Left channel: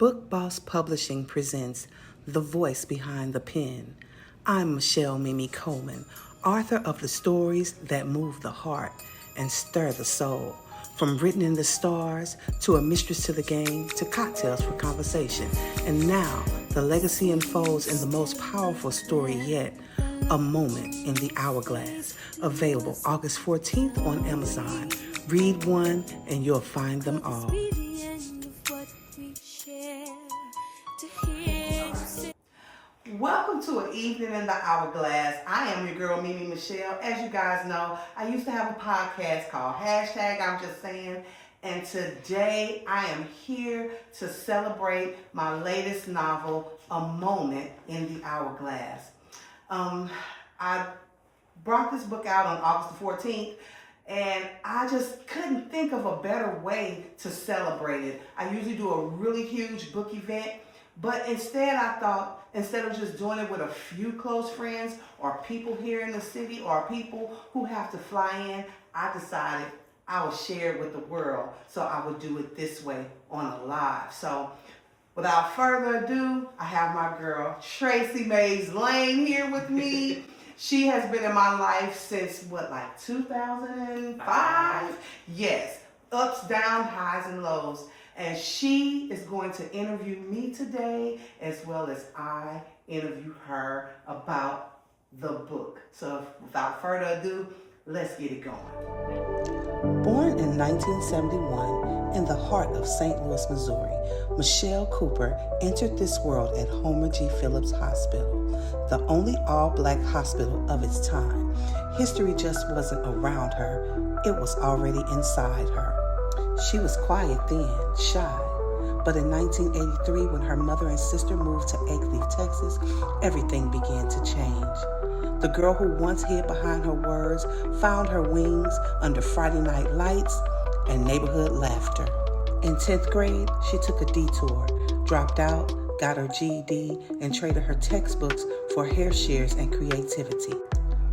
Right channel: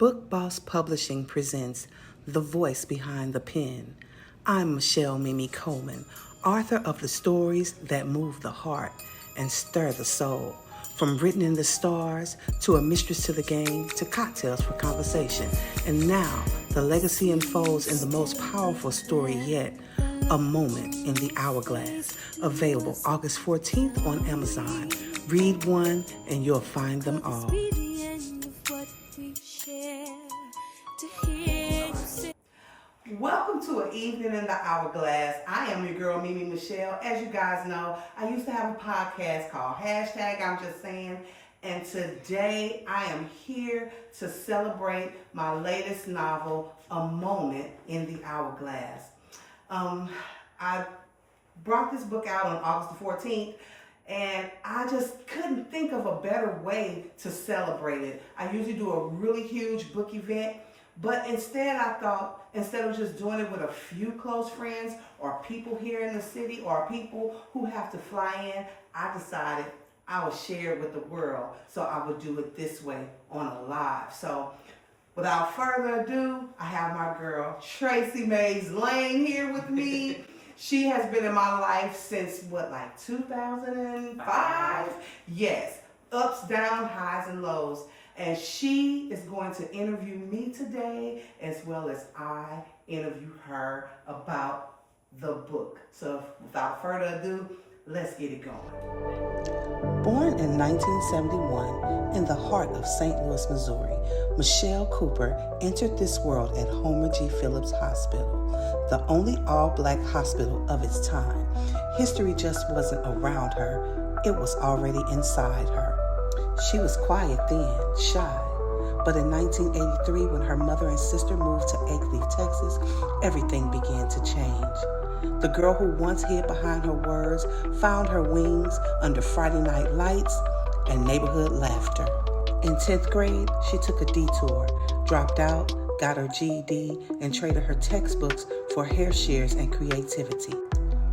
Book Boss Publishing presents The Voice Behind the Pen. I'm Michelle Coleman, author of the stories that move the heart and stir the soul. From Written in the Stars to A Mistress to the Game to Cocktails for Conversation. And now, the legacy unfolds in the most powerful story yet, A Moment in the Hourglass. Available August 14th on Amazon. Read one and you'll find them all. Welcome to An Evening in the Hourglass. I am your girl, Mimi Michelle. As you guys know, I used to have a podcast called I'm Just Saying. And today I am here to celebrate my latest novel, A Moment in the Hourglass. I brought this book out on August the 14th. And I just couldn't think of a better way to celebrate it. I usually do a really huge book event, but instead I thought, instead of just doing it with a few close friends or people here in the city or people who have to fly in, I decided I would share it with the world. So I would do it this way on a live. So without further ado, I have my girl, Tracy Lane here with me. She has been in my life since, 2005? Yes, ups, downs, highs, and lows. And she is going to interview me today, as well as I interview her about the book. So without further ado, let's get it going. Born in 1971 in the heart of St. Louis, Missouri, Michelle Cooper entered this world at Homer G. Phillips Hospital, the only all-black hospital of its time. History just wasn't around her, it was already inside her. She was quiet then, shy, but in 1983, when her mother and sister moved to Acleaf, Texas, everything began to change. The girl who once hid behind her words found her wings under Friday night lights and neighborhood laughter. In 10th grade, she took a detour, dropped out, got her GED, and traded her textbooks for hair shears and creativity.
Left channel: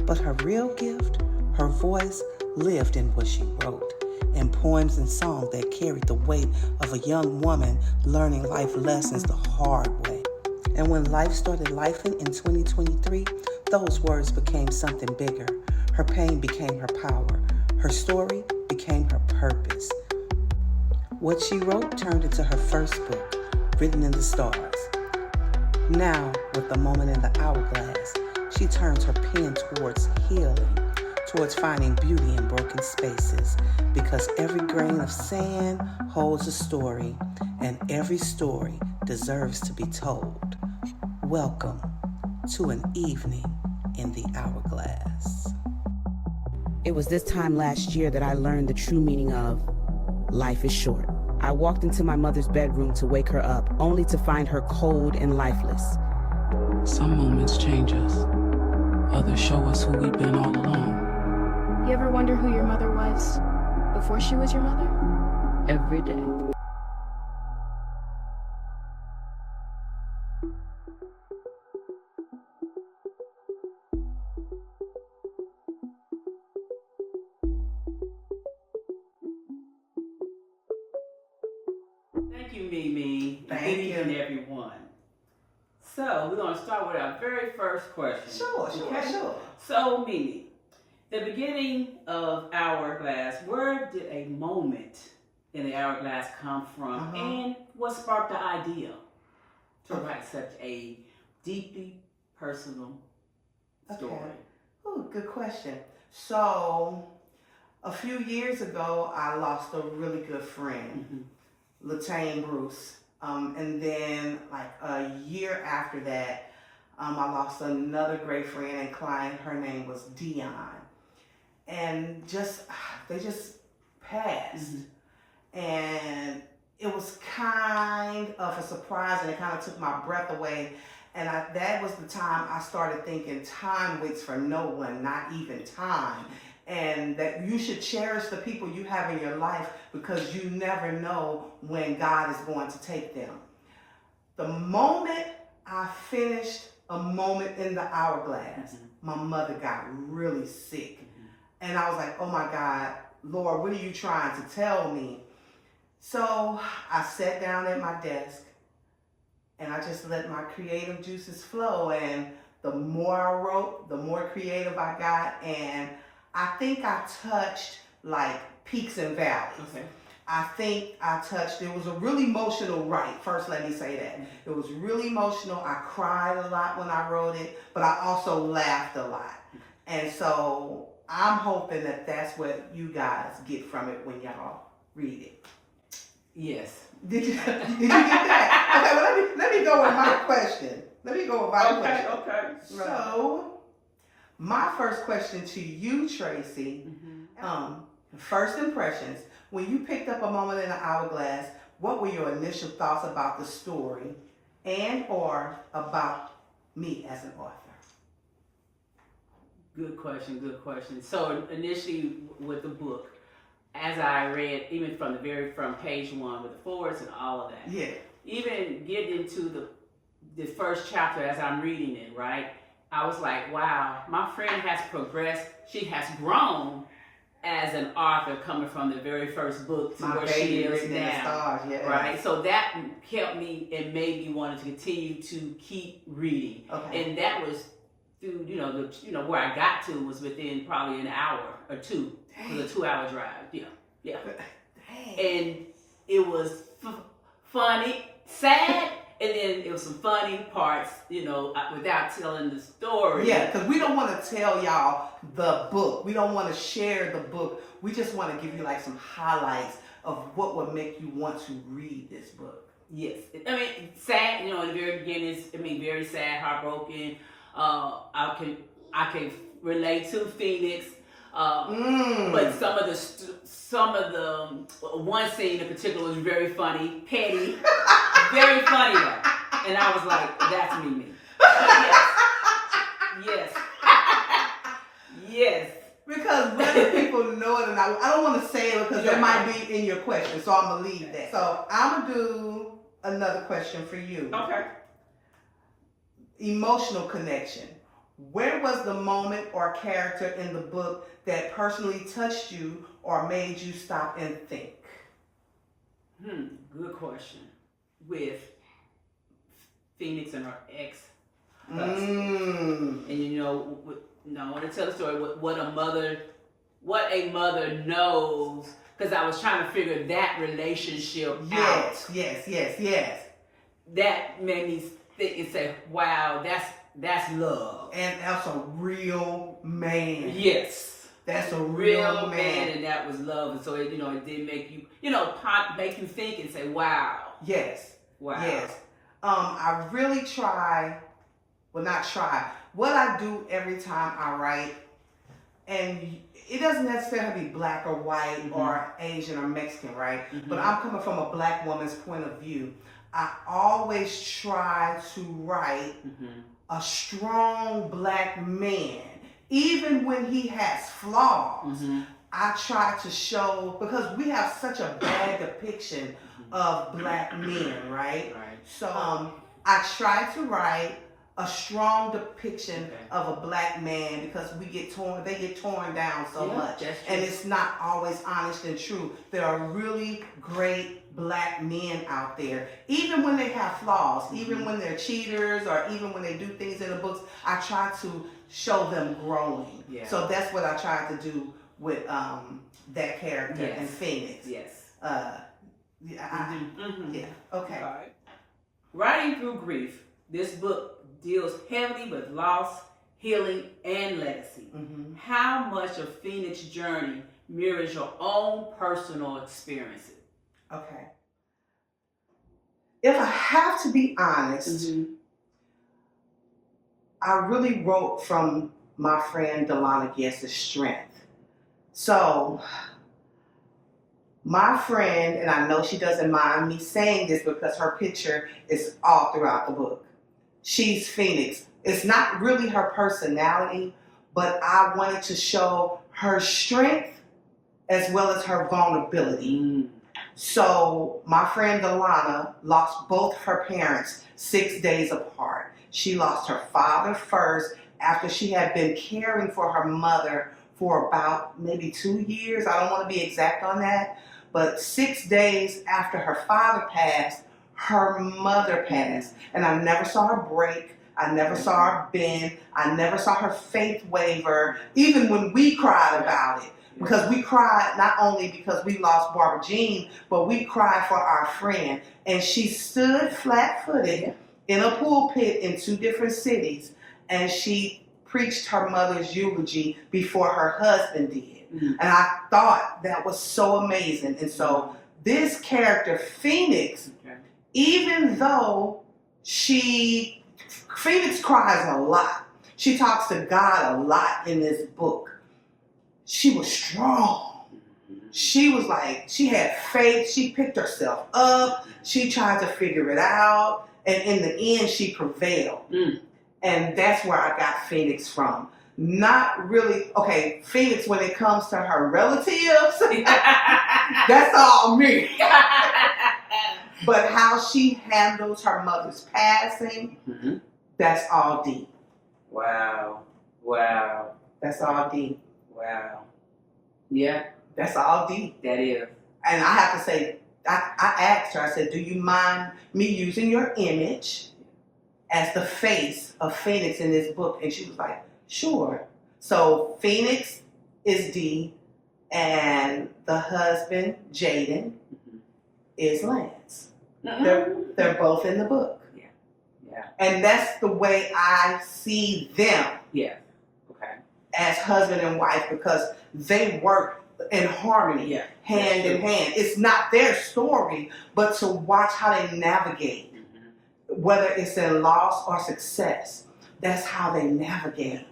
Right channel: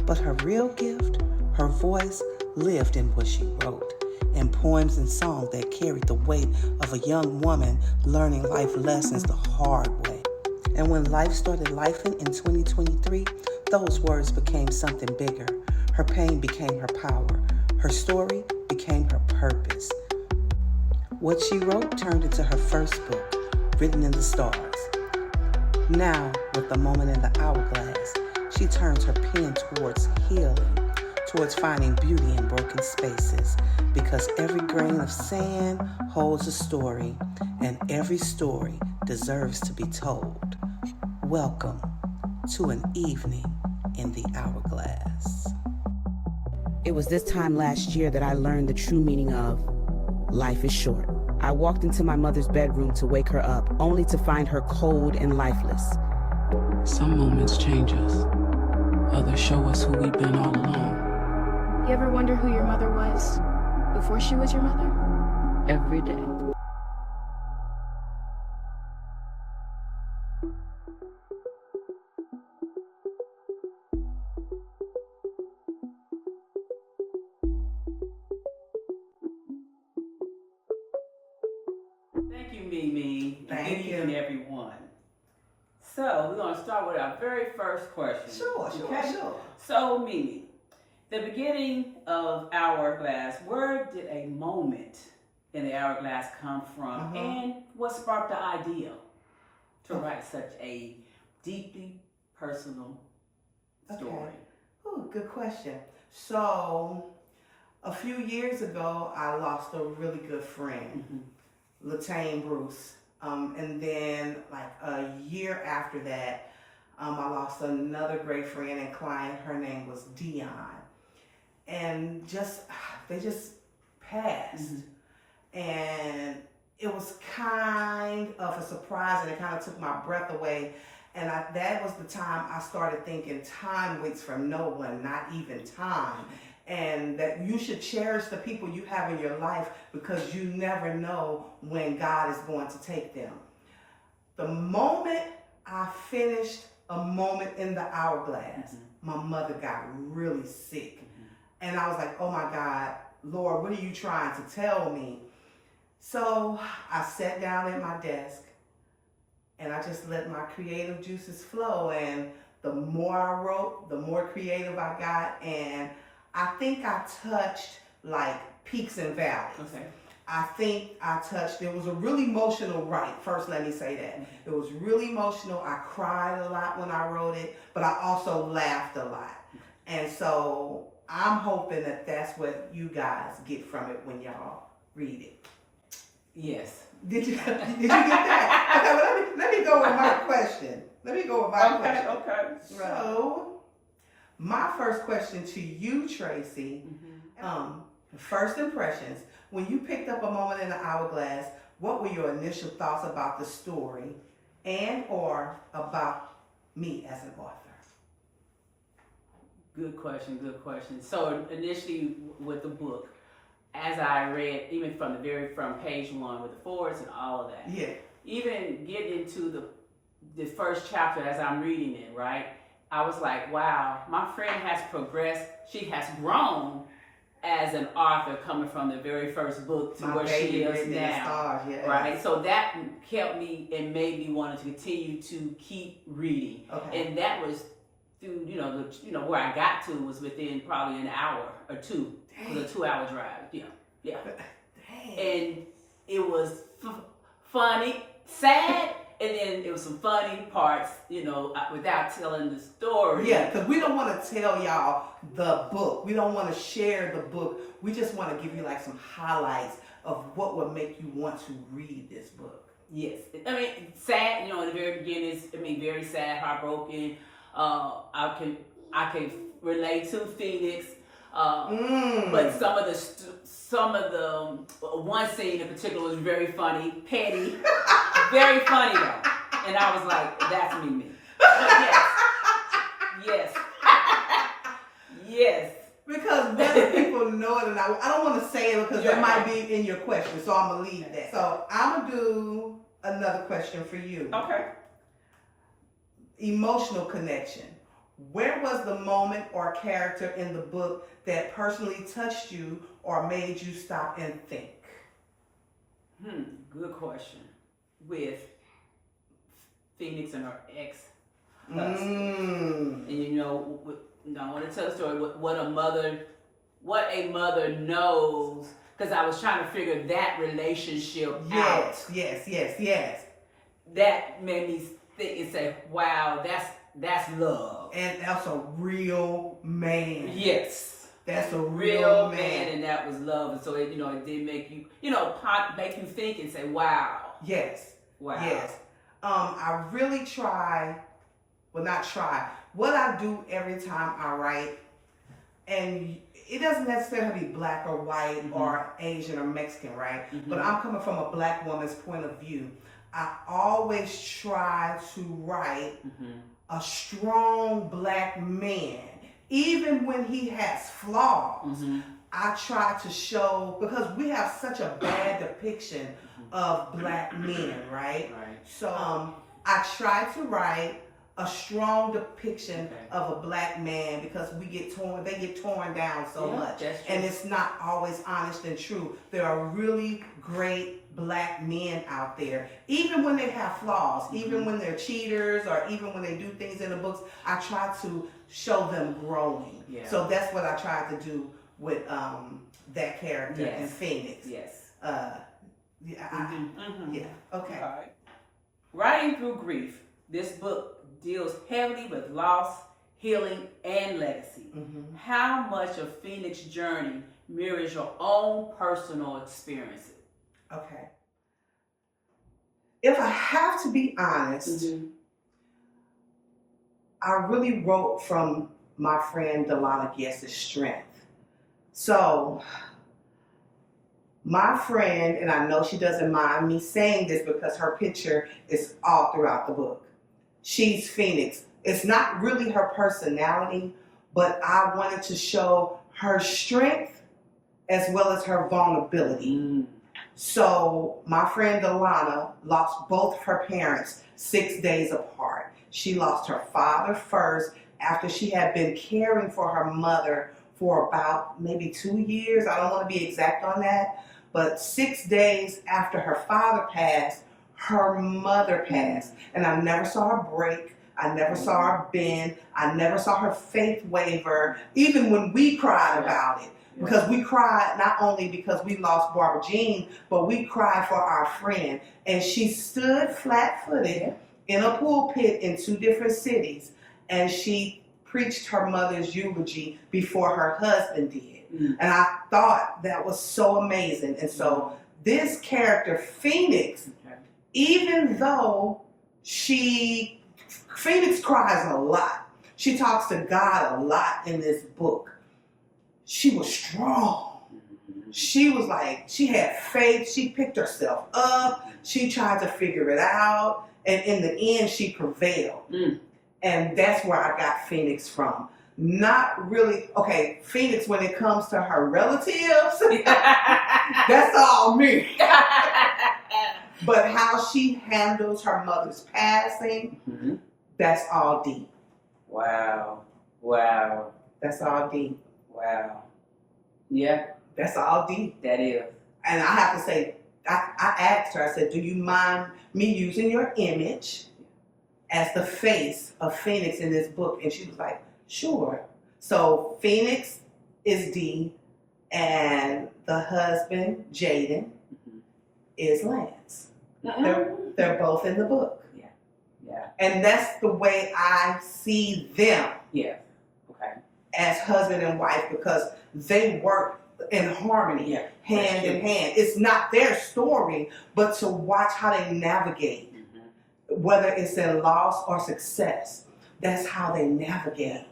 But her real gift, her voice, lived in what she wrote, in poems and songs that carried the weight of a young woman learning life lessons the hard way. And when life started lifing in 2023, those words became something bigger. Her pain became her power. Her story became her purpose. What she wrote turned into her first book, Written in the Stars. Now, with A Moment in the Hourglass, she turns her pen towards healing, towards finding beauty in broken spaces, because every grain of sand holds a story, and every story deserves to be told. Welcome to An Evening in the Hourglass. It was this time last year that I learned the true meaning of life is short. I walked into my mother's bedroom to wake her up, only to find her cold and lifeless. Some moments change us. Others show us who we've been all along. You ever wonder who your mother was before she was your mother? Every day. Thank you, Mimi. Thank Good you. evening, everyone. So, we're going to start with our very first question. Sure. So, Mimi, the beginning of Hourglass, where did a moment in the Hourglass come from, and what sparked the idea to write such a deeply personal story? Okay. Ooh, good question. So, a few years ago, I lost a really good friend, Latane Bruce. And then like a year after that, I lost another great friend and client. Her name was Dion. And they just passed. And it was kind of a surprise, and it kind of took my breath away. And that was the time I started thinking time waits for no one, not even time. And that you should cherish the people you have in your life, because you never know when God is going to take them. The moment I finished A Moment in the Hourglass, my mother got really sick. And I was like, oh my God, Lord, what are you trying to tell me? So I sat down at my desk, and I just let my creative juices flow. And the more I wrote, the more creative I got. And I think I touched like peaks and valleys. Okay. I think I touched, it was a really emotional write. First, let me say that. It was really emotional. I cried a lot when I wrote it, but I also laughed a lot. And so I'm hoping that that's what you guys get from it when y'all read it. Yes. Did you get that? Okay, well, let me go with my question. Okay. So, my first question to you, Tracy, first impressions. When you picked up A Moment in the Hourglass, what were your initial thoughts about the story and or about me as an author? Good question. So initially with the book, as I read, even from page 1 with the forwards and all of that. Yeah. Even getting into the first chapter as I'm reading it, right? I was like, wow, my friend has progressed. She has grown as an author, coming from the very first book to where she is now. Right? So that helped me and made me want to continue to keep reading. Okay. And that was through, where I got to was within probably an hour or two. It was a 2-hour drive. Yeah. Dang. And it was funny, sad, and then it was some funny parts, without telling the story. Yeah, because we don't want to tell y'all the book. We don't want to share the book. We just want to give you like some highlights of what would make you want to read this book. Yes. I mean, sad, in the very beginning, very sad, heartbroken. I can relate to Phoenix. But some of the one scene in particular was very funny, petty, very funny though, and I was like, "That's me." Yes. Because whether people know it or not, I don't want to say it because that might be in your question, so I'm gonna leave that. So I'm gonna do another question for you. Okay. Emotional connection. Where was the moment or character in the book that personally touched you or made you stop and think? Good question. With Phoenix and her ex. And I want to tell the story what a mother knows, because I was trying to figure that relationship out. Yes. That made me think and say, wow, that's love. And that's a real man. Yes. That's a real man. And that was love. And so it did make you, make you think and say, wow. Yes. Wow. Yes. I really what I do every time I write, and it doesn't necessarily be black or white or Asian or Mexican, right? But I'm coming from a black woman's point of view. I always try to write a strong black man, even when he has flaws. I try to show, because we have such a bad depiction of black men, right? So I try to write a strong depiction of a black man, because they get torn down so much, and it's not always honest and true. There are really great black men out there, even when they have flaws, even when they're cheaters, or even when they do things in the books. I try to show them growing. So that's what I tried to do with that character in Phoenix. Okay. All right. Writing through grief. This book deals heavily with loss, healing, and legacy. How much of Phoenix's journey mirrors your own personal experiences? Okay. If I have to be honest, I really wrote from my friend Delana Guest's strength. So, my friend, and I know she doesn't mind me saying this because her picture is all throughout the book. She's Phoenix. It's not really her personality, but I wanted to show her strength as well as her vulnerability. So my friend Delana lost both of her parents 6 days apart. She lost her father first after she had been caring for her mother for about maybe 2 years. I don't want to be exact on that, but 6 days after her father passed, her mother passed. And I never saw her break. I never saw her bend. I never saw her faith waver, even when we cried about it. Because we cried not only because we lost Barbara Jean, but we cried for our friend. And she stood flat-footed in a pulpit in 2 different cities, and she preached her mother's eulogy before her husband did. And I thought that was so amazing. And so this character, Phoenix, even though Phoenix cries a lot, she talks to God a lot in this book, she was strong. She was like, she had faith. She picked herself up. She tried to figure it out. And in the end, she prevailed. And that's where I got Phoenix from. Not really, okay, Phoenix, when it comes to her relatives, that's all me. But how she handles her mother's passing, that's all deep. Wow. That's all deep. Wow. Yeah. That's all deep. That is. And I have to say, I asked her, I said, do you mind me using your image as the face of Phoenix in this book? And she was like, sure. So Phoenix is D, and the husband, Jaden, is Lance. They're both in the book. Yeah. And that's the way I see them. Yeah. Okay. As husband and wife, because they work in harmony, hand in hand. It's not their story, but to watch how they navigate, whether it's in loss or success. That's how they navigate.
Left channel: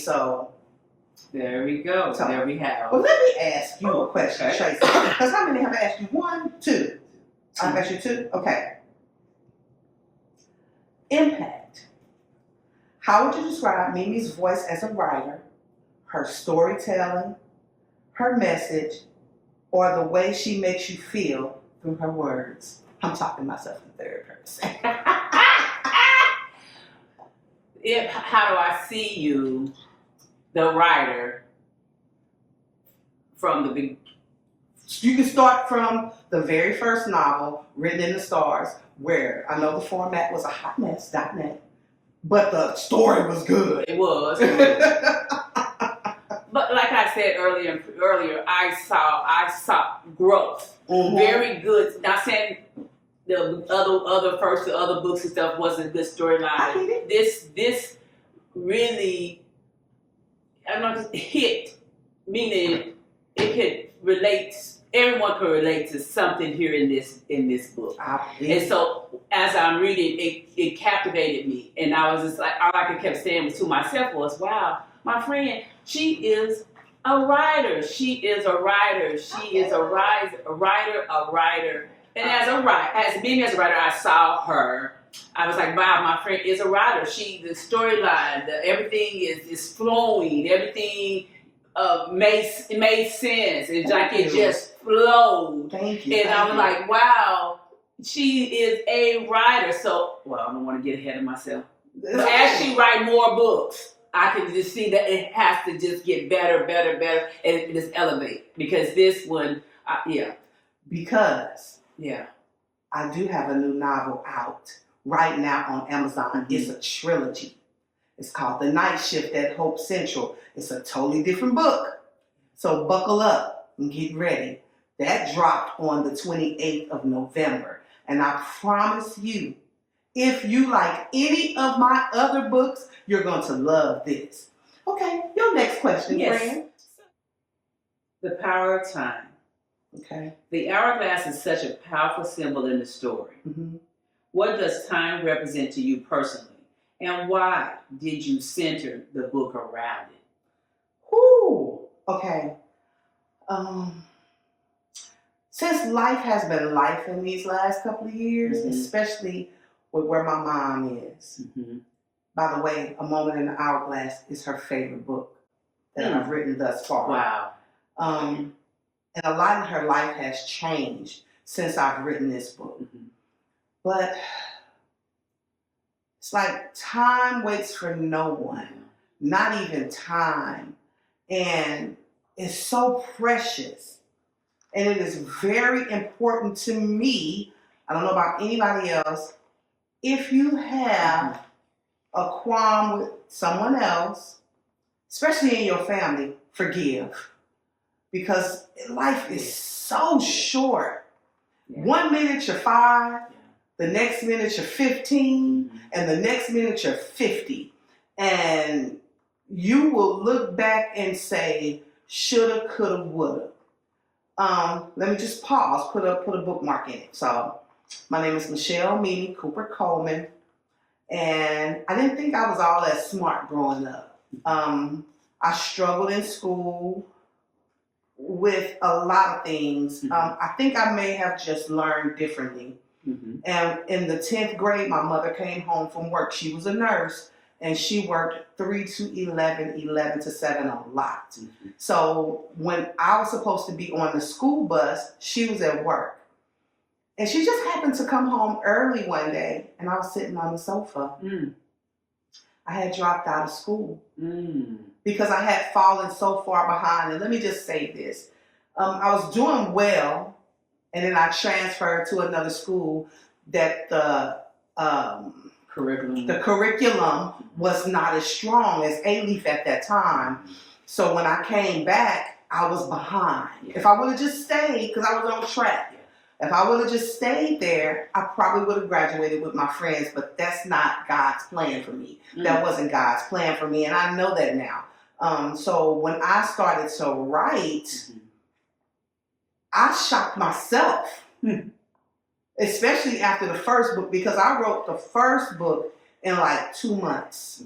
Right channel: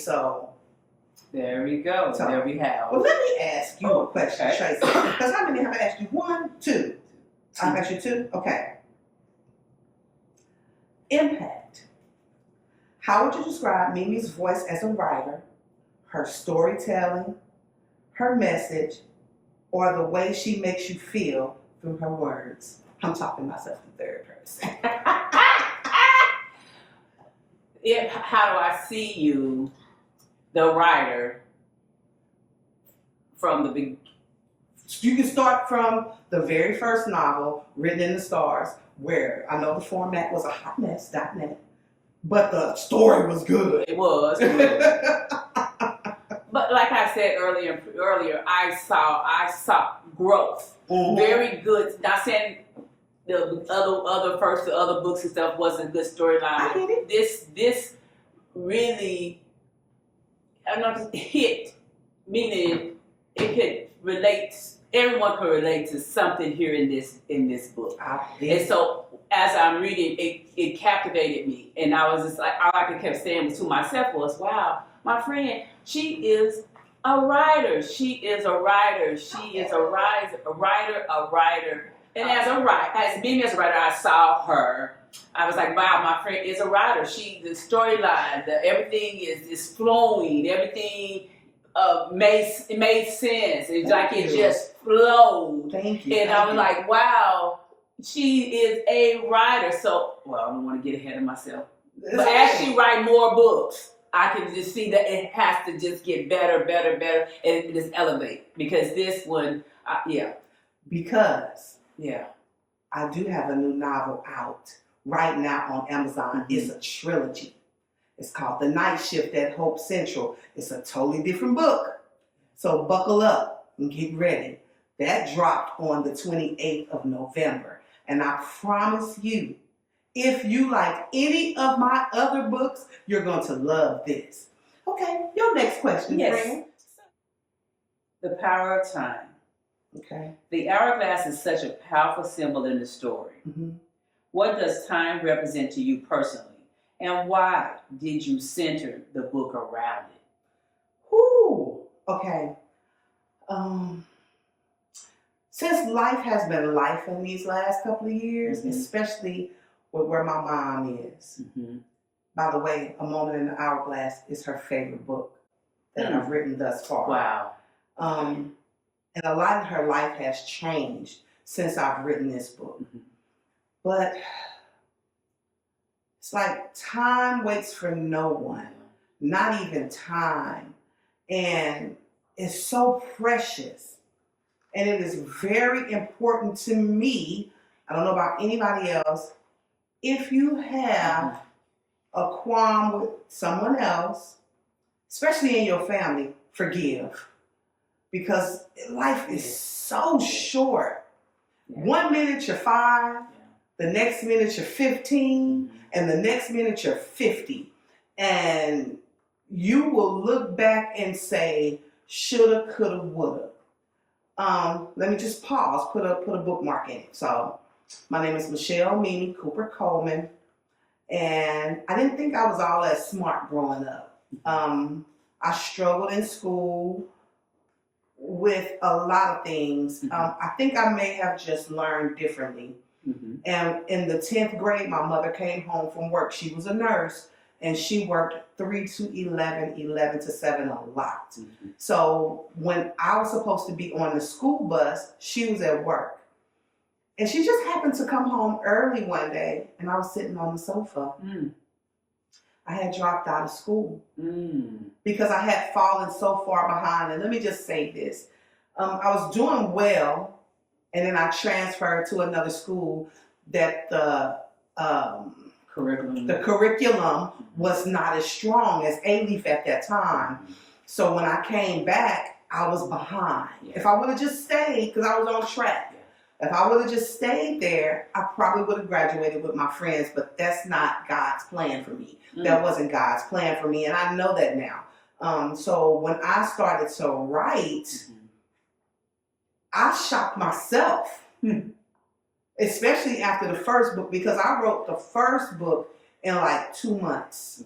So there we go. So, there we have. Well, let me ask you a question, Tracy. Because how many have I asked you? 1, 2. I've asked you 2? Okay. Impact. How would you describe Mimi's voice as a writer, her storytelling, her message, or the way she makes you feel through her words? I'm talking myself in third person. How do I see you, the writer, from the beginning? You can start from the very first novel, Written in the Stars, where I know the format was a hot mess, .net, but the story was good. It was. But like I said earlier, I saw growth. Very good. Not saying the other books and stuff wasn't a good storyline. This really, I don't know, hit, meaning it could relate. Everyone could relate to something here in this book. And so as I'm reading, it captivated me, and I was just like, all I kept saying to myself was, wow, my friend, she is a writer. She is a writer. She is a writer. And as being as a writer, I saw her. I was like, wow, my friend is a writer. The storyline, everything is flowing. Everything made sense. It's like it just flowed. Thank you. And I was like, wow, she is a writer. So, well, I don't want to get ahead of myself. But as she write more books, I can just see that it has to just get better, and just elevate. Because this one, Because yeah, I do have a new novel out right now on Amazon. It's a trilogy. It's called The Night Shift at Hope Central. It's a totally different book. So buckle up and get ready. That dropped on the 28th of November. And I promise you, if you like any of my other books, you're going to love this. Okay, your next question, friend. The power of time. Okay. The hourglass is such a powerful symbol in the story. What does time represent to you personally? And why did you center the book around it? Whew. Okay. Since life has been life in these last couple of years, especially with where my mom is. By the way, A Moment in the Hourglass is her favorite book that I've written thus far. Wow. And a lot of her life has changed since I've written this book. But it's like time waits for no one, not even time. And it's so precious. And it is very important to me I don't know about anybody else. If you have a qualm with someone else, especially in your family, forgive. Because life is so short. Yeah. 1 minute you're 5, the next minute you're 15, and the next minute you're 50. And you will look back and say, shoulda, coulda, woulda. Let me just pause, put a bookmark in it. So, my name is Michelle Coleman, and I didn't think I was all that smart growing up. I struggled in school with a lot of things. I think I may have just learned differently. And in the 10th grade, my mother came home from work. She was a nurse, and she worked 3 to 11, 11 to 7 a lot. So when I was supposed to be on the school bus, she was at work. And she just happened to come home early one day, and I was sitting on the sofa. I had dropped out of school because I had fallen so far behind. And let me just say this. I was doing well, and then I transferred to another school that the curriculum was not as strong as A-Leaf at that time. So when I came back, I was behind. If I would have just stayed, because I was on track, if I would have just stayed there, I probably would have graduated with my friends, but that's not God's plan for me. That wasn't God's plan for me, and I know that now. So when I started to write, I shocked myself, especially after the first book, because I wrote the first book in like 2 months.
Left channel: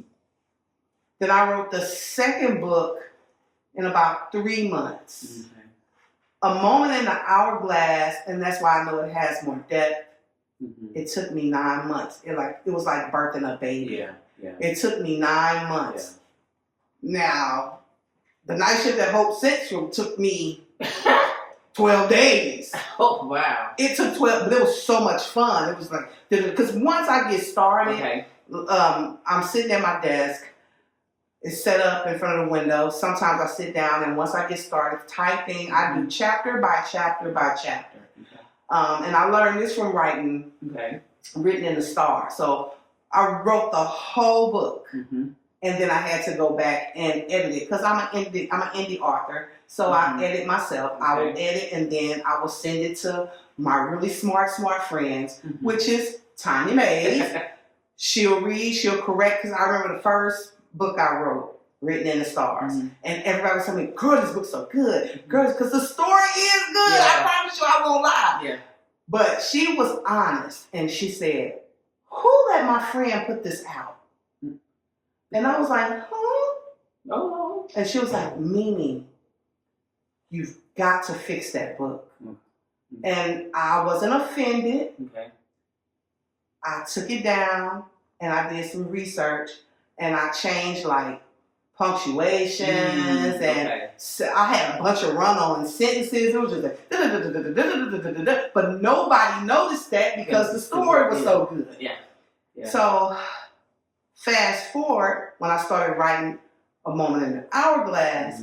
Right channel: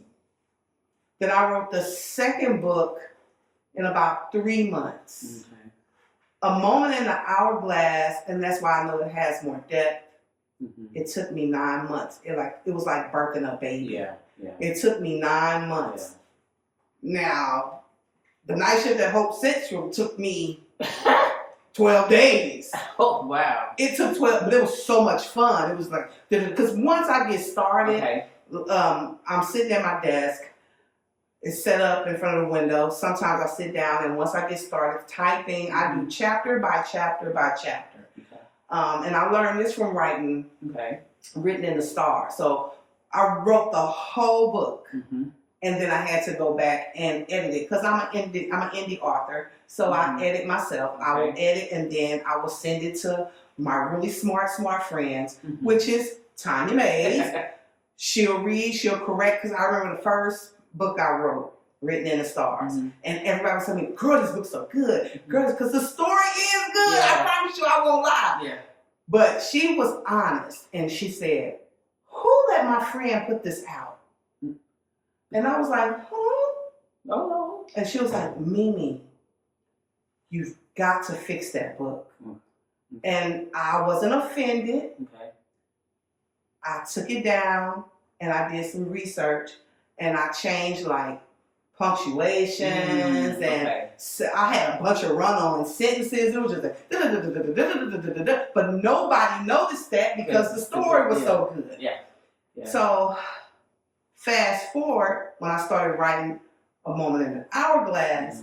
Then I wrote the second book in about 3 months. A Moment in the Hourglass, and that's why I know it has more depth. It took me 9 months. It was like birthing a baby. It took me 9 months. Now, the night shift at Hope Central took me 12 days. Oh, wow. It took 12, but it was so much fun. It was like, because once I get started, I'm sitting at my desk. It's set up in front of the window. Sometimes I sit down, and once I get started typing, I do chapter by chapter by chapter. And I learned this from writing Written in the Star. So I wrote the whole book, and then I had to go back and edit it because I'm an indie author. So I edit myself. I will edit, and then I will send it to my really smart friends, which is Tanya Mays. She'll read, she'll correct, because I remember the first book I wrote, Written in the Stars. And everybody was telling me, girl, this book's so good. Girl, because the story is good. I promise you I won't lie. But she was honest, and she said, who let my friend put this out? And I was like, huh? And she was like, Mimi, you've got to fix that book. And I wasn't offended. I took it down, and I did some research, and I changed like punctuations, and so I had a bunch of run-on sentences. It was just like, but nobody noticed that because the story was so good. So fast forward, when I started writing A Moment in the Hourglass,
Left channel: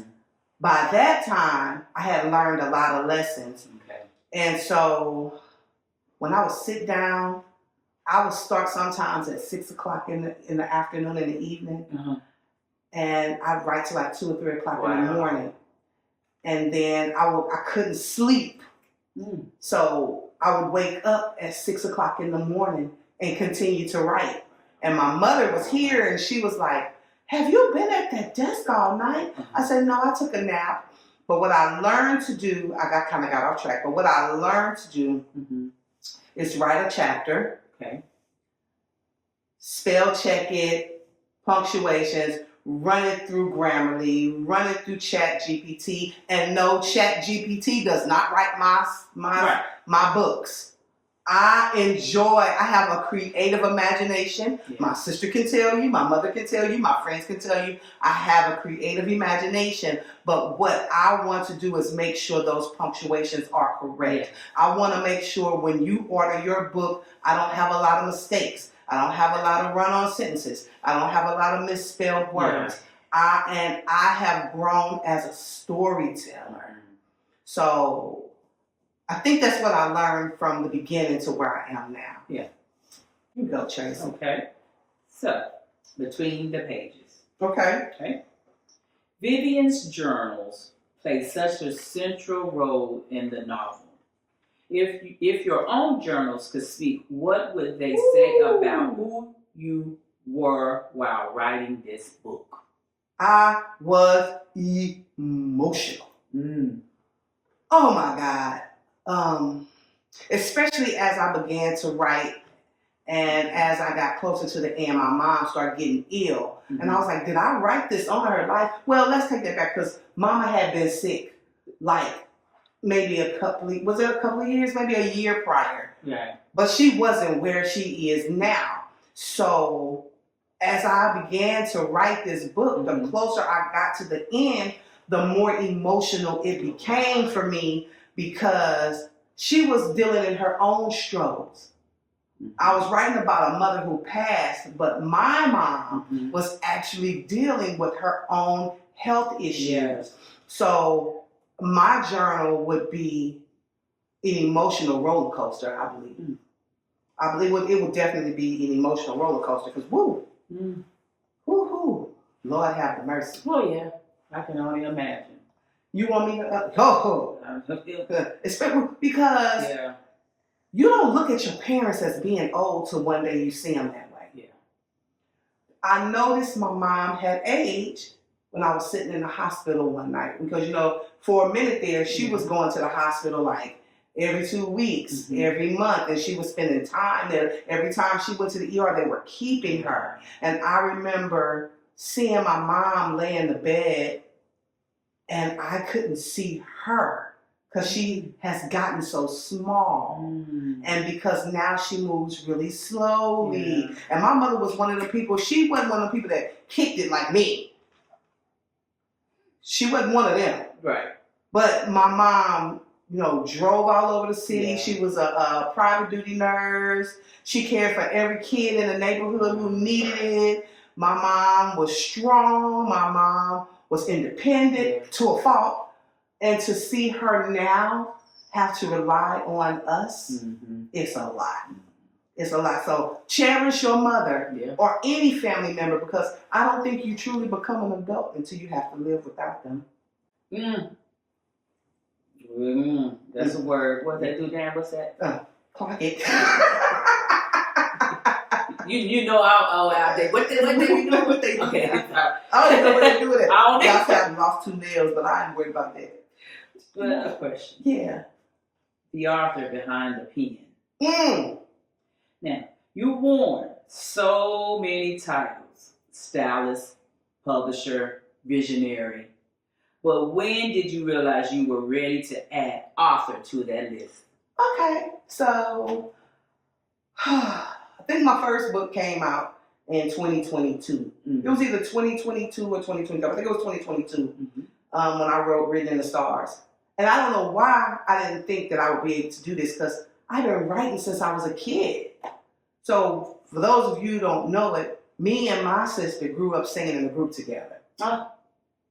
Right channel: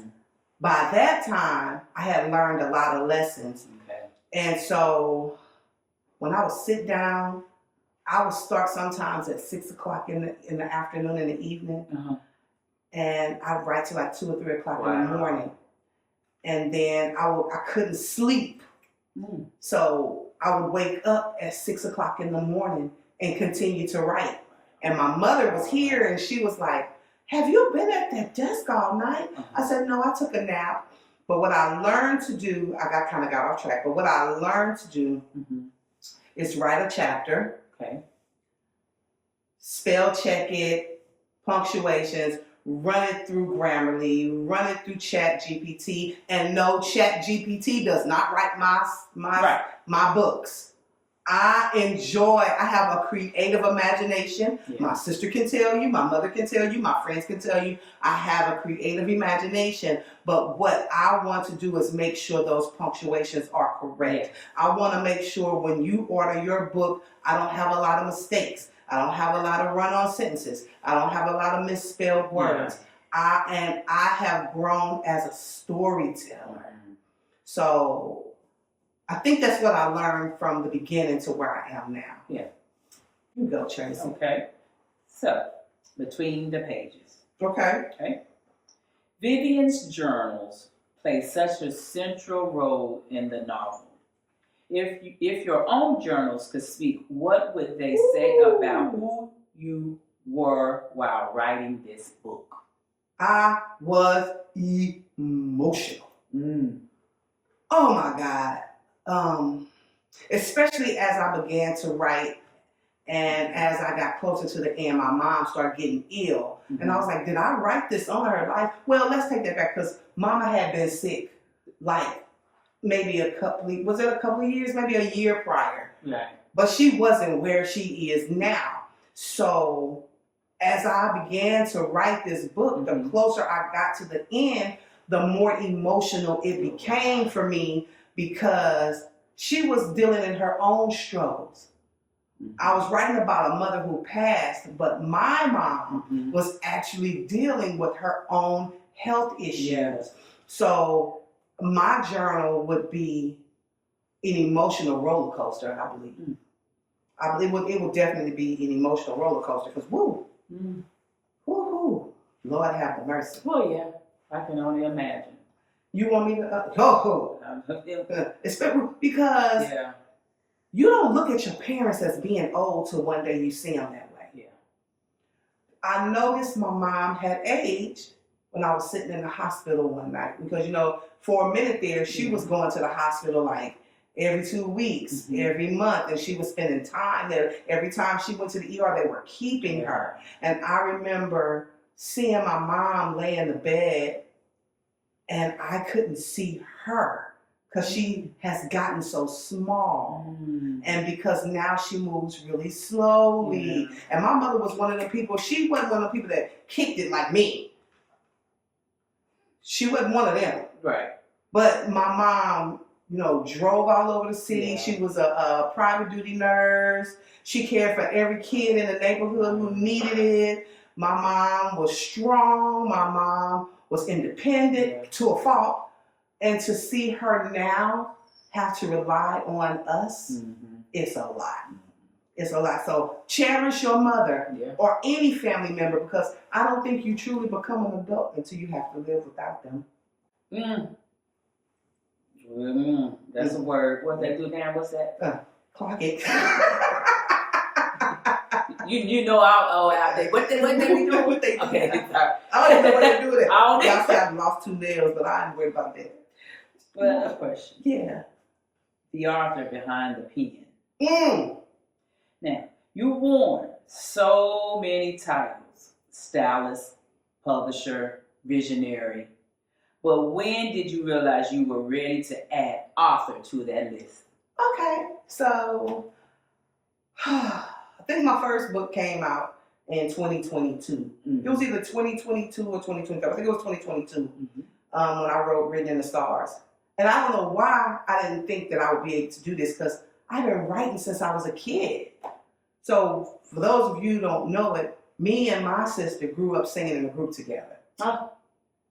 by that time I had learned a lot of lessons. And so when I would sit down, I would start sometimes at 6 o'clock in the afternoon, in the evening, and I'd write till like 2 or 3 o'clock in the morning. And then I couldn't sleep, so I would wake up at 6 o'clock in the morning and continue to write. And my mother was here, and she was like, "Have you been at that desk all night?" I said, "No, I took a nap." But what I learned to do, I got off track. But what I learned to do is write a chapter. Spell check it, punctuations, run it through Grammarly, run it through Chat GPT, and no, Chat GPT does not write my books. I have a creative imagination. My sister can tell you, my mother can tell you, my friends can tell you, I have a creative imagination. But what I want to do is make sure those punctuations are correct. I want to make sure when you order your book, I don't have a lot of mistakes. I don't have a lot of run-on sentences. I don't have a lot of misspelled words. I have grown as a storyteller. So I think that's what I learned from the beginning to where I am now. Yeah. You go, Tracy. Okay. So, between the pages. Okay. Okay. Vivian's journals play such a central role in the novel. If your own journals could speak, what would they say about who you were while writing this book? I was emotional. Oh my God. Especially as I began to write and as I got closer to the end, my mom started getting ill. Mm-hmm. And I was like, did I write this on her life? Well, let's take that back because Mama had been sick like maybe a couple of years, maybe a year prior. Right. But she wasn't where she is now. So as I began to write this book, the closer I got to the end, the more emotional it became for me because she was dealing in her own struggles. I was writing about a mother who passed, but my mom was actually dealing with her own health issues. Yes. So my journal would be an emotional roller coaster, I believe. I believe it would definitely be an emotional roller coaster because Lord have mercy. Oh yeah, I can only imagine. You want me to? Especially because you don't look at your parents as being old till one day you see them that way. Yeah. I noticed my mom had aged when I was sitting in the hospital one night because, for a minute there, she was going to the hospital like every 2 weeks, every month, and she was spending time there. Every time she went to the ER, they were keeping her. And I remember seeing my mom lay in the bed and I couldn't see her because she has gotten so small. And because now she moves really slowly. And my mother was one of the people, she wasn't one of the people that kicked it like me. She wasn't one of them. Right. But my mom, drove all over the city. Yeah. She was a private duty nurse. She cared for every kid in the neighborhood who needed it. My mom was strong. My mom was independent to a fault. And to see her now have to rely on us, it's a lot. It's a lot. So cherish your mother or any family member because I don't think you truly become an adult until you have to live without them. That's a word. What they do now? What's that? Clock it. You know how out there. What they do? What they do? Okay. I don't know what they do with it. I don't Y'all say I've lost 2 nails, but I ain't worried about that. But a question. Yeah. The author behind the pen. Now, you've worn so many titles. Stylist, publisher, visionary. But when did you realize you were ready to add author to that list? Okay. So, I think my first book came out in 2022. It was either 2022 or 2023. I think it was 2022 when I wrote Written in the Stars. And I don't know why I didn't think that I would be able to do this because I've been writing since I was a kid. So for those of you who don't know it, me and my sister grew up singing in a group together.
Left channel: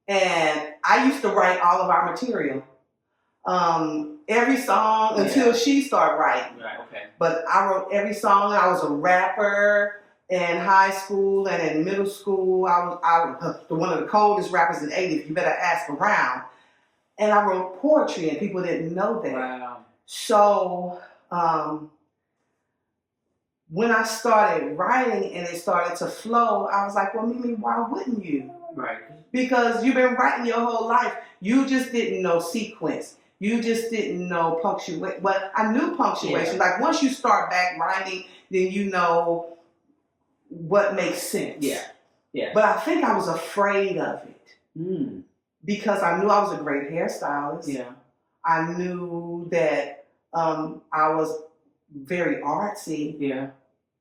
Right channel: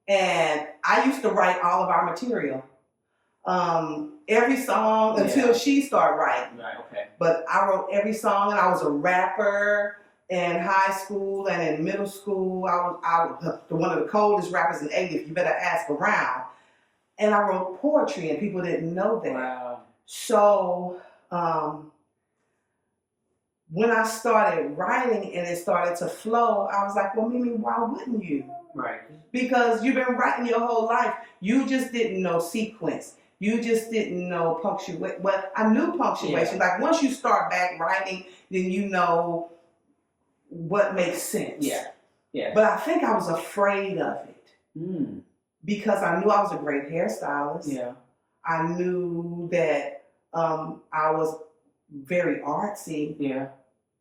And I used to write all of our material. Every song until she started writing. Right, okay. But I wrote every song. I was a rapper in high school and in middle school. I was one of the coldest rappers in 80. You better ask around. And I wrote poetry, and people didn't know that. Wow. So when I started writing and it started to flow, I was like, well, Mimi, why wouldn't you? Right. Because you've been writing your whole life. You just didn't know sequence. You just didn't know punctuation. But I knew punctuation. Like once you start back writing, then you know what makes sense. Yeah. Yeah. But I think I was afraid of it. Because I knew I was a great hairstylist. Yeah. I knew that I was very artsy. Yeah.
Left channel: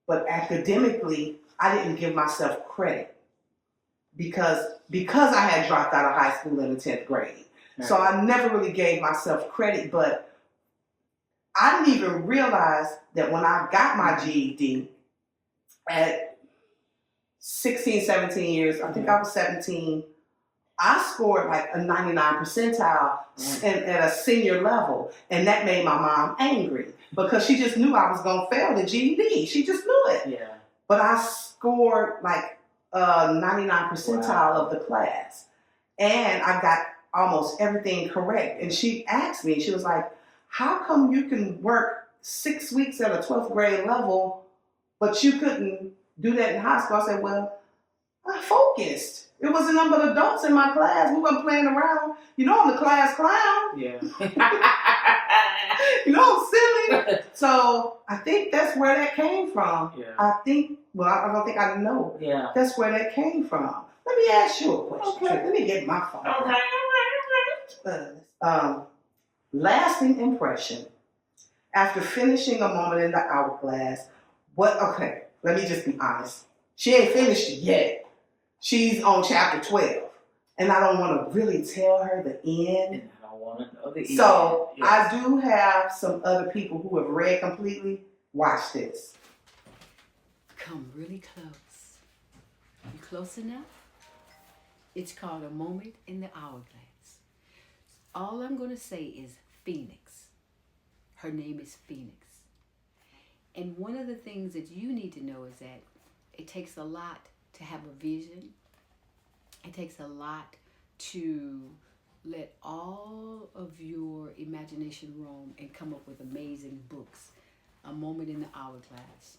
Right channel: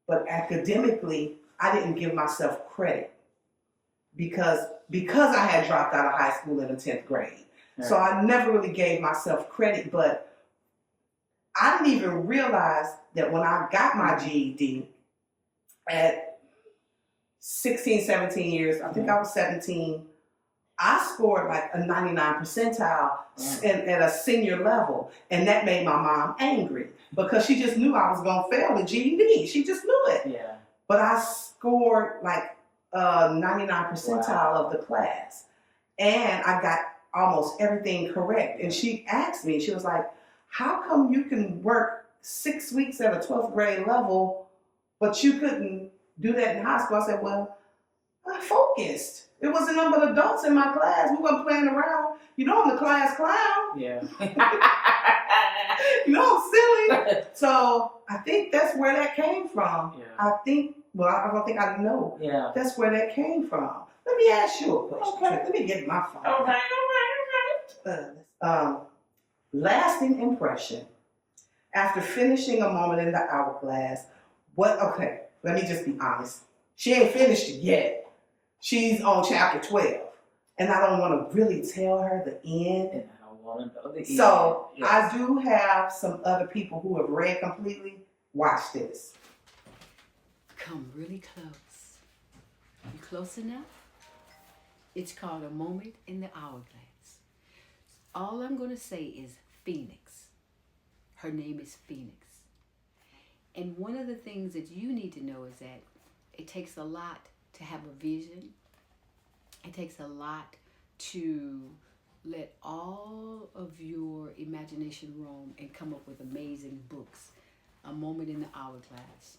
But academically, I didn't give myself credit because I had dropped out of high school in the 10th grade. Right. So I never really gave myself credit, but I didn't even realize that when I got my GED at 16, 17 years, I think I was 17, I scored like a 99 percentile at a senior level, and that made my mom angry because she just knew I was going to fail the GED. She just knew it. Yeah. But I scored like a 99 percentile of the class, and I got almost everything correct. And she asked me, she was like, how come you can work 6 weeks at a 12th grade level, but you couldn't do that in high school? I said, well, I focused. It wasn't none but adults in my class. We weren't playing around. You know I'm the class clown. Yeah. You know I'm silly. So I think that's where that came from. Yeah. I don't think I know. Yeah. That's where that came from. Let me ask you a question. Okay. Let me get my phone. Okay. Lasting impression. After finishing A Moment in the Hourglass, okay, let me just be honest. She ain't finished it yet. She's on chapter 12. And I don't want to really tell her the end. And I don't want to know the end. So Yes. I do have some other people who have read completely. Watch this. Come really close. You close enough? It's called A Moment in the Hourglass. All I'm going to say is Phoenix. Her name is Phoenix. And one of the things that you need to know is that it takes a lot to have a vision. It takes a lot to let all of your imagination roam and come up with amazing books. A Moment in the Hourglass.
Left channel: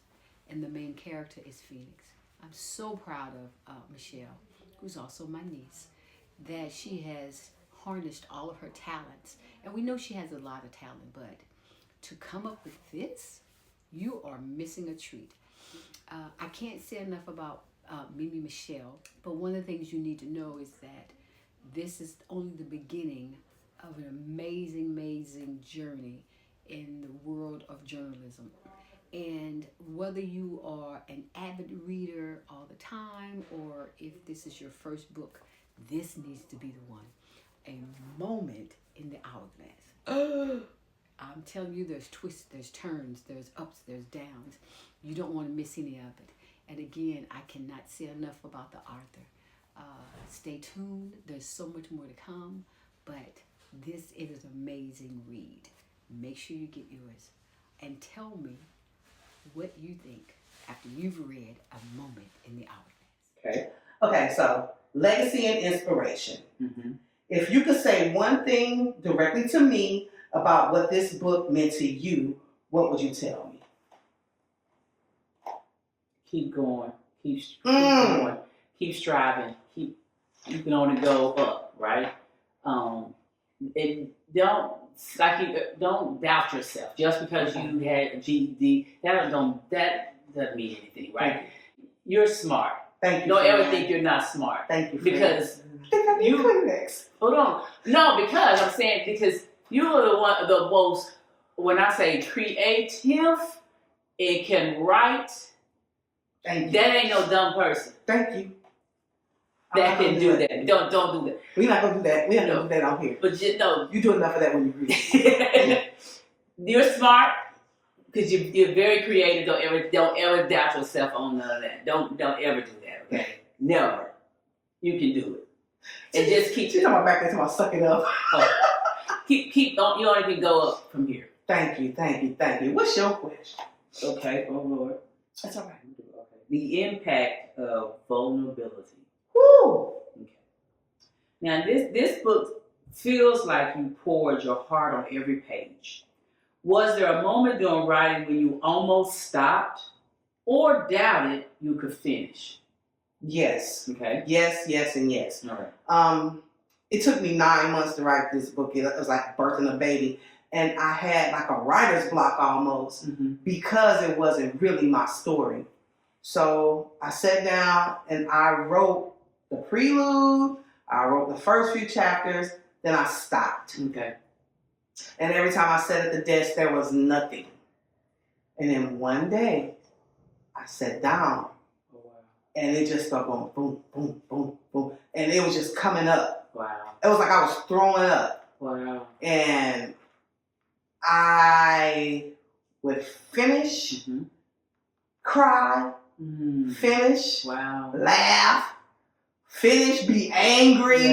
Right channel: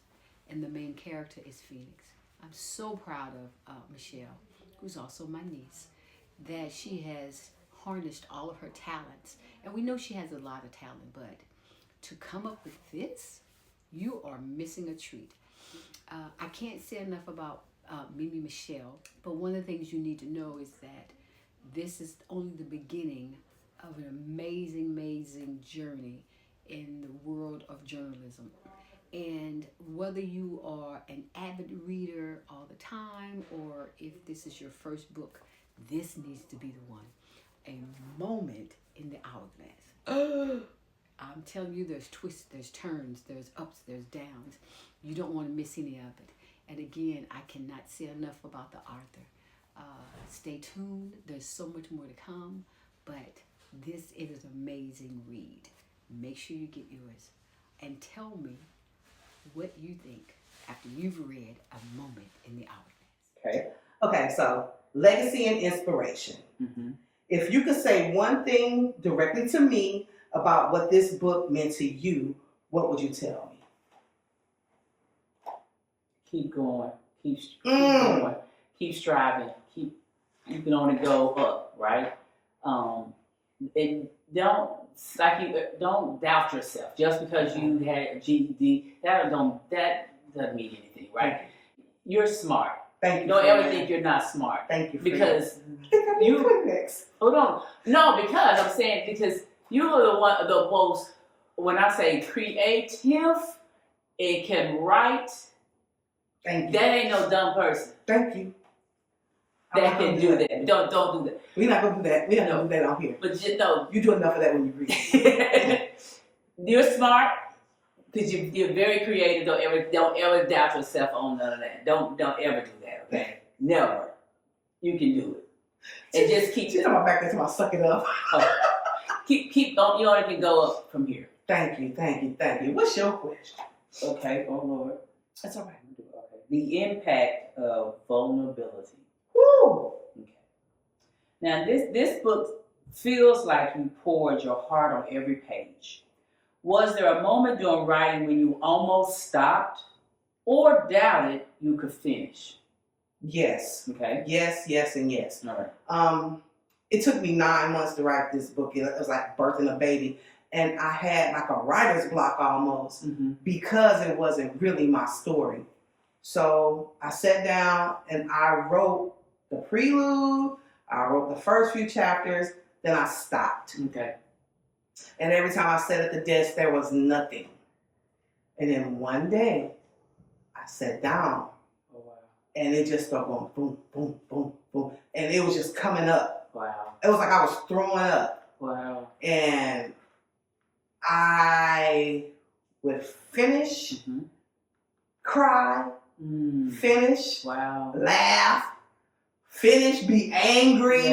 And the main character is Phoenix. I'm so proud of Michelle, who's also my niece, that she has harnessed all of her talents. And we know she has a lot of talent, but to come up with this, you are missing a treat. I can't say enough about Mimi Michelle, but one of the things you need to know is that this is only the beginning of an amazing, amazing journey in the world of journalism. And whether you are an avid reader all the time, or if this is your first book, this needs to be the one. A Moment in the Hourglass. I'm telling you, there's twists, there's turns, there's ups, there's downs. You don't want to miss any of it. And again, I cannot say enough about the author. Stay tuned. There's so much more to come. But this is an amazing read. Make sure you get yours. And tell me what you think after you've read A Moment in the Hourglass. Okay, so legacy and inspiration. Mm-hmm. If you could say one thing directly to me about what this book meant to you, what would you tell me? Keep going. Keep going. Keep striving. You can only go up, right? And don't doubt yourself just because you had a GED. That doesn't mean anything, right? You're smart. Thank you. Don't ever think you're not smart. Thank you. Because you next. Hold on. No, because I'm saying because you are the most. When I say creative, it can write. Thank you. That ain't no dumb person. Thank you. That can do that. Don't do that. We're not gonna do that. We're not gonna do that on here. But you know, you do enough of that when you read. You're smart because you're very creative. Don't ever doubt yourself on none of that. Don't ever do that. Okay, never. You can do it. And just keep. She's talking about back there, talking about suck it up. Keep. You only can go up from here. Thank you. What's your question? Okay. Oh Lord. That's all right. Okay. The impact of vulnerability. Woo! Okay. Now this book feels like you poured your heart on every page. Was there a moment during writing when you almost stopped or doubted you could finish? Yes. Okay. Yes, and yes. All right. It took me 9 months to write this book. It was like birthing a baby. And I had like a writer's block almost because it wasn't really my story. So I sat down and I wrote the prelude, I wrote the first few chapters, then I stopped. Okay. And every time I sat at the desk, there was nothing. And then one day, I sat down. Oh, wow. And it just started going boom, boom, boom, boom. And it was just coming up. Wow. It was like I was throwing up. Wow. And I would finish, cry, finish, wow, laugh, finish, be angry.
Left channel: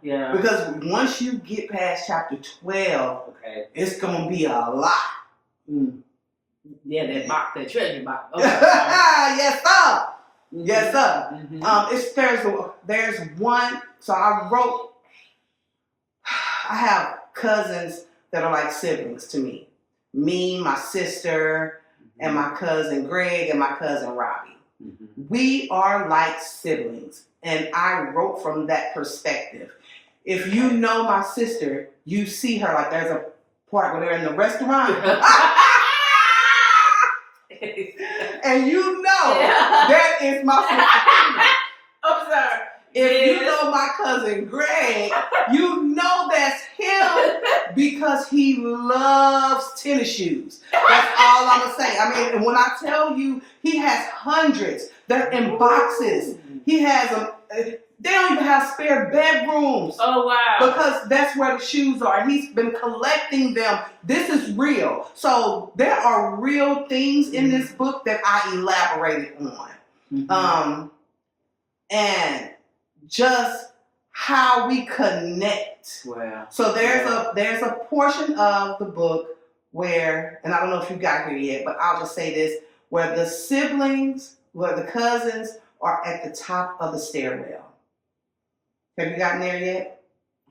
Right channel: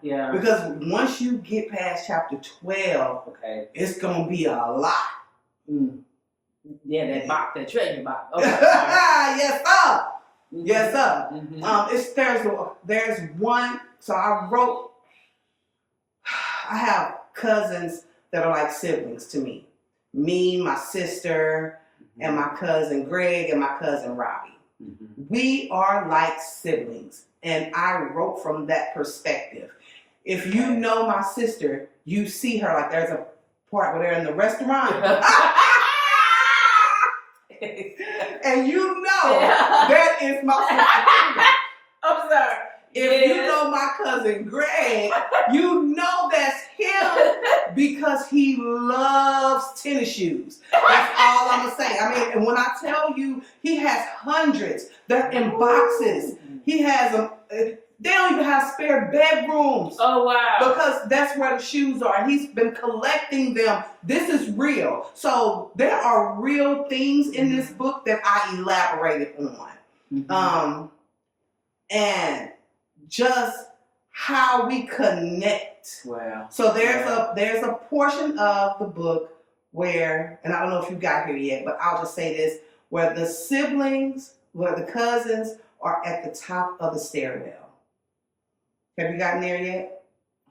Yeah. Because once you get past chapter 12, Okay. it's going to be a lot. Mm. Yeah, that box, that treasure box. Okay. Yes, sir. Mm-hmm. Yes, sir. Mm-hmm. There's one. So I have cousins that are like siblings to me. Me, my sister, and my cousin Greg, and my cousin Robbie. Mm-hmm. We are like siblings, and I wrote from that perspective. If you know my sister, you see her like there's a part where they're in the restaurant. And you know that is my sister. I'm sorry. If you know my cousin Greg, you know that's him because he loves tennis shoes. That's all I'm going to say. I mean, and when I tell you he has hundreds, they're in boxes. He has them. They don't even have spare bedrooms. Oh, wow. Because that's where the shoes are. He's been collecting them. This is real. So there are real things in this book that I elaborated on. Mm-hmm. And just how we connect. Wow. So there's a portion of the book where, and I don't know if you got here yet, but I'll just say this, where the siblings, where the cousins are at the top of the stairwell. Have you gotten there yet?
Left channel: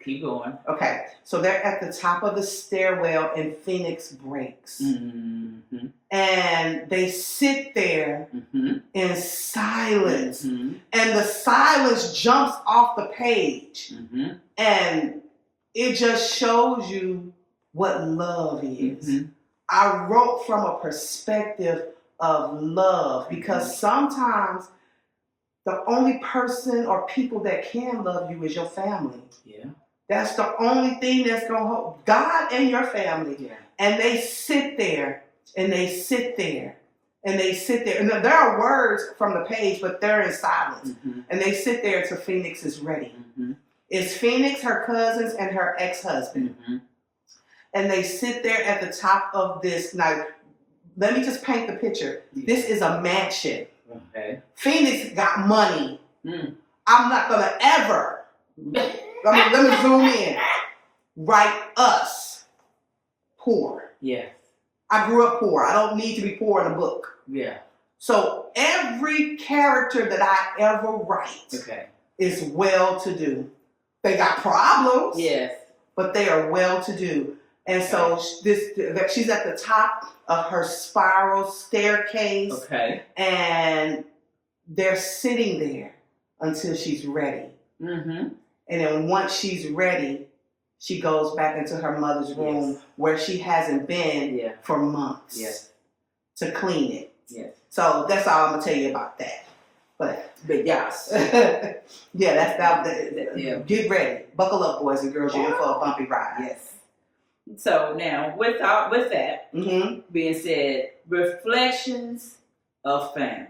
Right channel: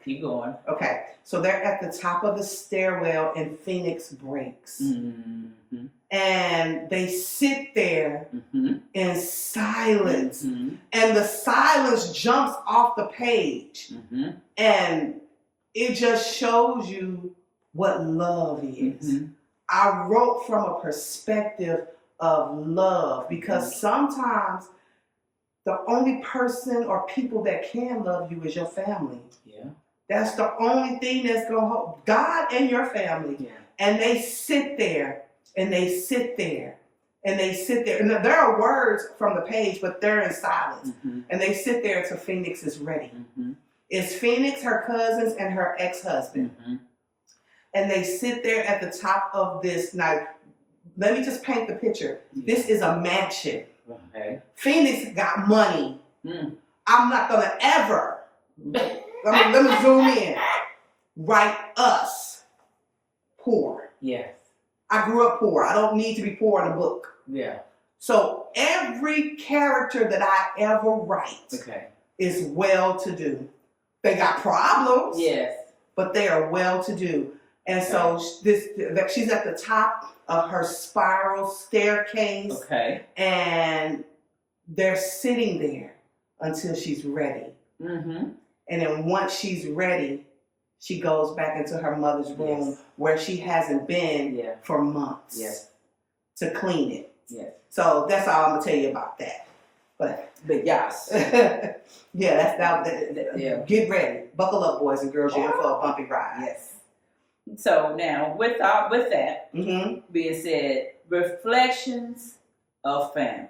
Keep going. Okay, so they're at the top of the stairwell and Phoenix breaks. Mm-hmm. And they sit there in silence. Mm-hmm. And the silence jumps off the page. Mm-hmm. And it just shows you what love is. Mm-hmm. I wrote from a perspective of love because sometimes the only person or people that can love you is your family. Yeah. That's the only thing that's going to hold God and your family. Yeah. And they sit there and they sit there and they sit there. And there are words from the page, but they're in silence. Mm-hmm. And they sit there until Phoenix is ready. Mm-hmm. It's Phoenix, her cousins, and her ex-husband. Mm-hmm. And they sit there at the top of this. Now, let me just paint the picture. This is a mansion. Okay. Phoenix got money. Mm. I'm not going to ever, let me zoom in, write us poor. Yeah. I grew up poor. I don't need to be poor in a book. Yeah. So every character that I ever write is well-to-do. They got problems, Yes. but they are well-to-do. And so she's at the top of her spiral staircase. Okay. And they're sitting there until she's ready. Mm-hmm. And then once she's ready, she goes back into her mother's room where she hasn't been for months to clean it. Yes. So that's all I'm going to tell you about that. But yes. yeah, that's that. Get ready. Buckle up, boys and girls. You're in for a bumpy ride. Yes. So now, with that being said, reflections of family.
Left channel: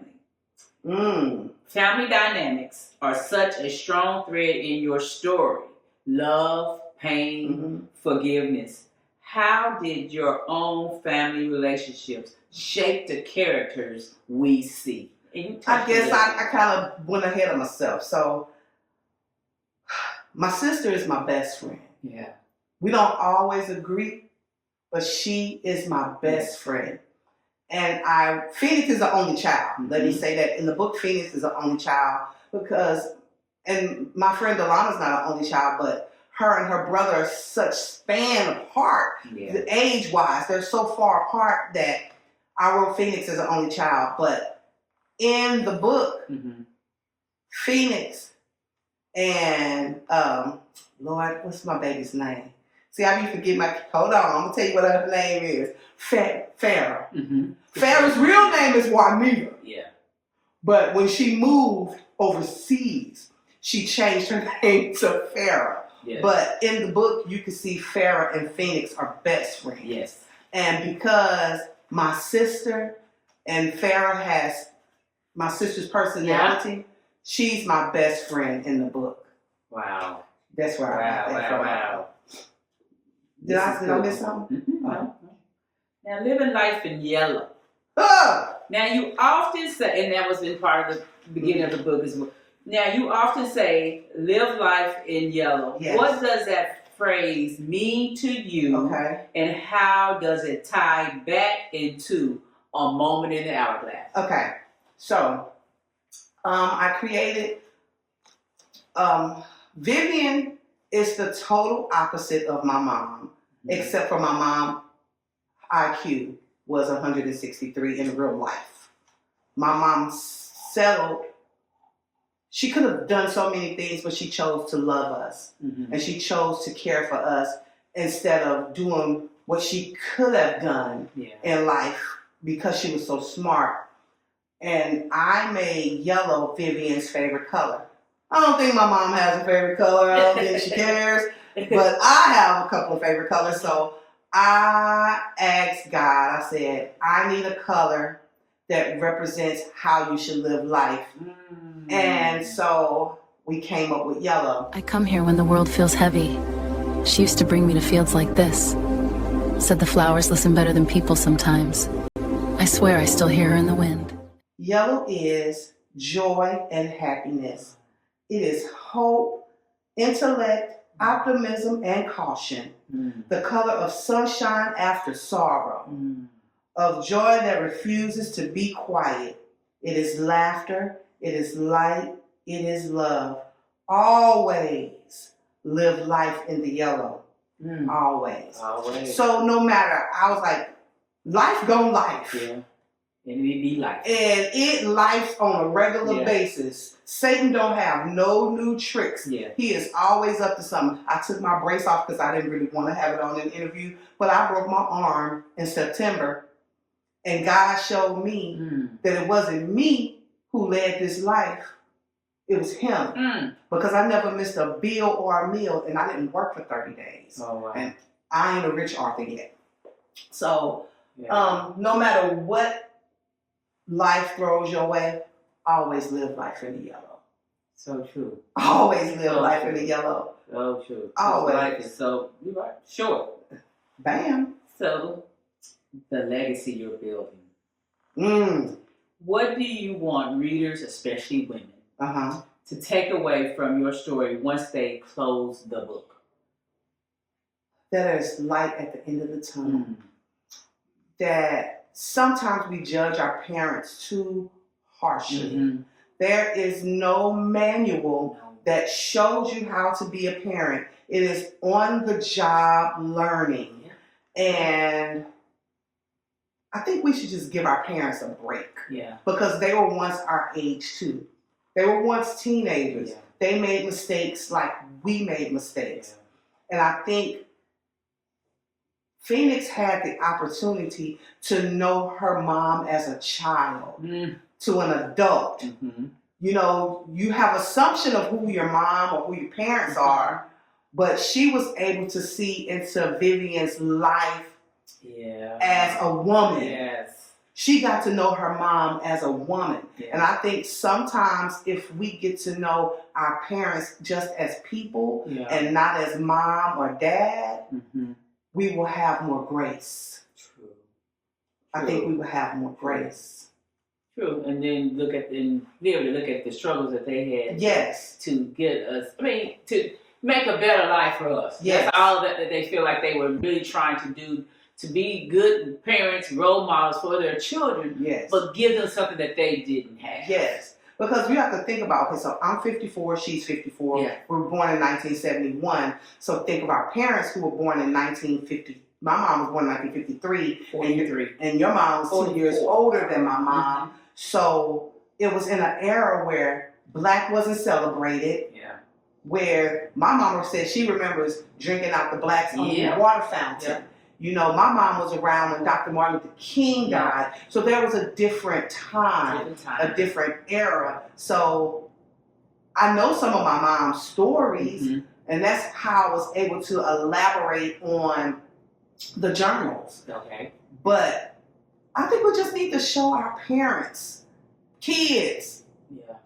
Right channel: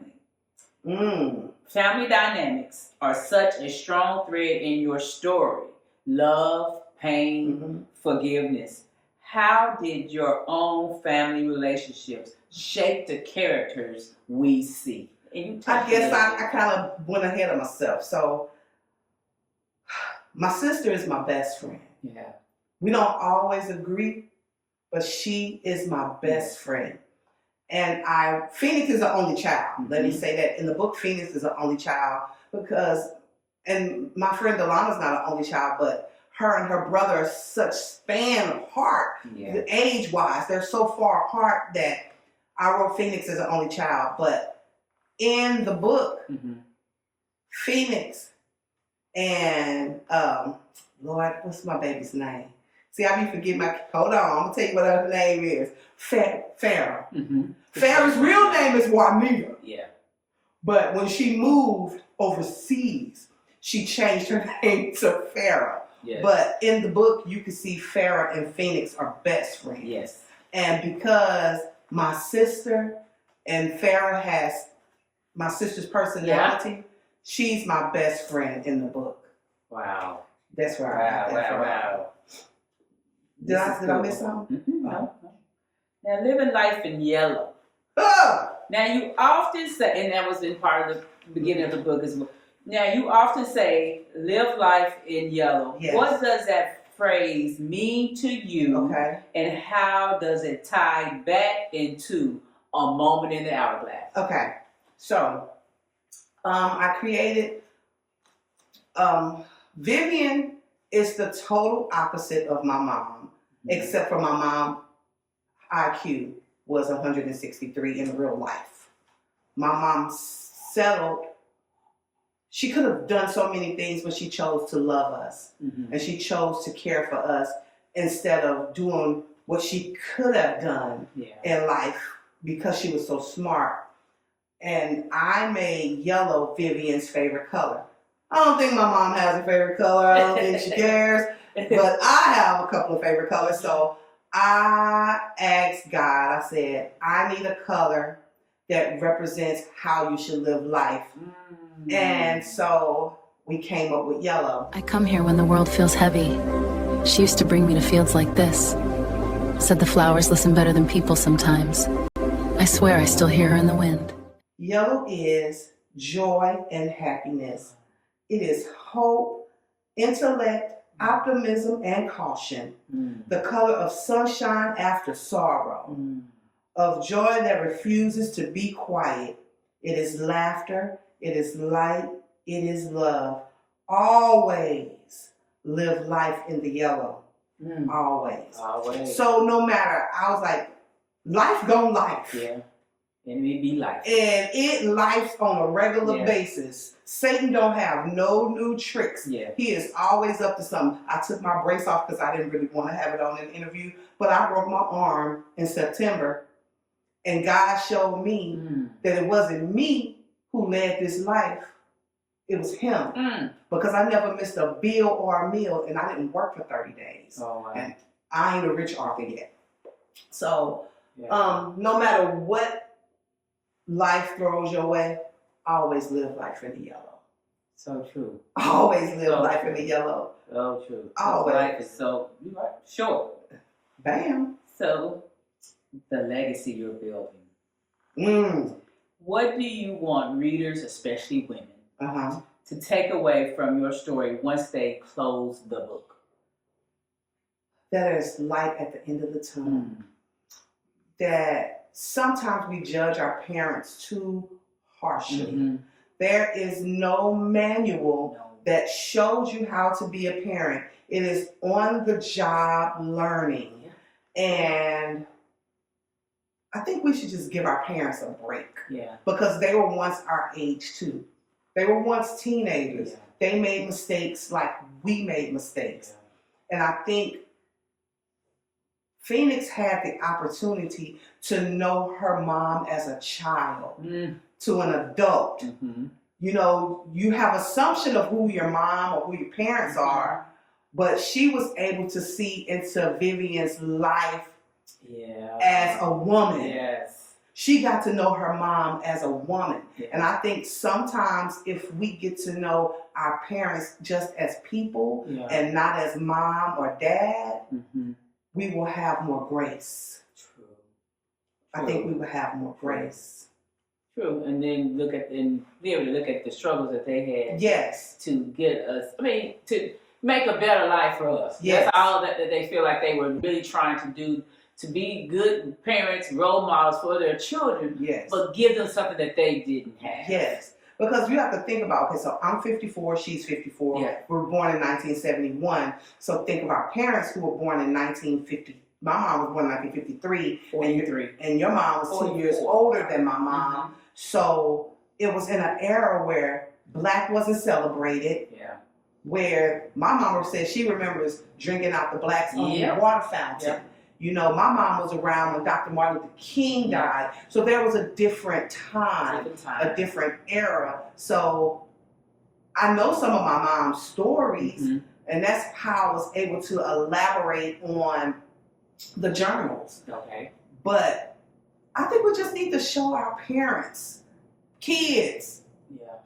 Family dynamics are such a strong thread in your story. Love, pain, forgiveness. How did your own family relationships shape the characters we see? I guess I kind of went ahead of myself. So my sister is my best friend. Yeah. We don't always agree, but she is my best friend. And Phoenix is the only child. Let me say that. In the book, Phoenix is the only child and my friend Delana's not an only child, but her and her brother are such span apart, age-wise. They're so far apart that I wrote Phoenix as the only child. But in the book, Phoenix and, Lord, what's my baby's name? See, I be forgetting hold on, I'm going to tell you what her name is. Farrah. Farrah's real name is Juanita. Yeah. But when she moved overseas, she changed her name to Farrah. Yes. But in the book, you can see Farrah and Phoenix are best friends. Yes. And because my sister and Farrah has my sister's personality, she's my best friend in the book. Wow. That's where I got that from. Wow. Did I miss something? No. Now, living life in yellow. Oh! Now, you often say, and that was in part of the beginning of the book as well, Now, you often say, live life in yellow. Yes. What does that phrase mean to you? Okay. And how does it tie back into a moment in the hourglass? Okay. So, I created, Vivian is the total opposite of my mom, except for my mom IQ was 163 in real life. My mom settled. She could have done so many things, but she chose to love us. And she chose to care for us instead of doing what she could have done in life because she was so smart. And I made yellow Vivian's favorite color. I don't think my mom has a favorite color. I don't think she cares. But I have a couple of favorite colors. So I asked God, I said, I need a color that represents how you should live life. And so we came up with yellow. I come here when the world feels heavy. She used to bring me to fields like this. Said the flowers listen better than people sometimes. I swear I still hear her in the wind. Yellow is joy and happiness. It is hope, intellect, optimism, and caution. The color of sunshine after sorrow. Of joy that refuses to be quiet. It is laughter. It is light. It is love. Always live life in the yellow. Always. So no matter, I was like, life gon' life. Yeah. And it be life. And it life on a regular basis. Satan don't have no new tricks. Yeah. He is always up to something. I took my brace off because I didn't really want to have it on an interview, but I broke my arm in September. And God showed me that it wasn't me who led this life. It was him. Because I never missed a bill or a meal, and I didn't work for 30 days. Oh, wow. And I ain't a rich author yet. So no matter what life throws your way, always live life in the yellow. So true. Always live life in the yellow. So true. Always. Life is so short. Bam. So, the legacy you're building. What do you want readers, especially women, to take away from your story once they close the book? That there's light at the end of the tunnel. That sometimes we judge our parents too harshly. There is no manual that shows you how to be a parent. It is on the job learning. And I think we should just give our parents a break. Because they were once our age too. They were once teenagers. They made mistakes like we made mistakes. And I think Phoenix had the opportunity to know her mom as a child, to an adult. You know, you have assumption of who your mom or who your parents are, but she was able to see into Vivian's life as a woman. She got to know her mom as a woman. And I think sometimes if we get to know our parents just as people and not as mom or dad, we will have more grace. I think we will have more grace. True, and then be able to look at the struggles that they had. To get us, to make a better life for us. That's all that they feel like they were really trying to do, to be good parents, role models for their children, but give them something that they didn't have. Because you have to think about, okay, so I'm 54, she's 54. We were born in 1971. So think of our parents who were born in 1950. My mom was born in 1953. And your mom was 2 years older than my mom. So it was in an era where black wasn't celebrated. Where my mama said she remembers drinking out the black's only water fountain. You know, my mom was around when Dr. Martin Luther King died. So there was a different time, a different era. So I know some of my mom's stories, and that's how I was able to elaborate on the journals. But I think we just need to show our parents, kids,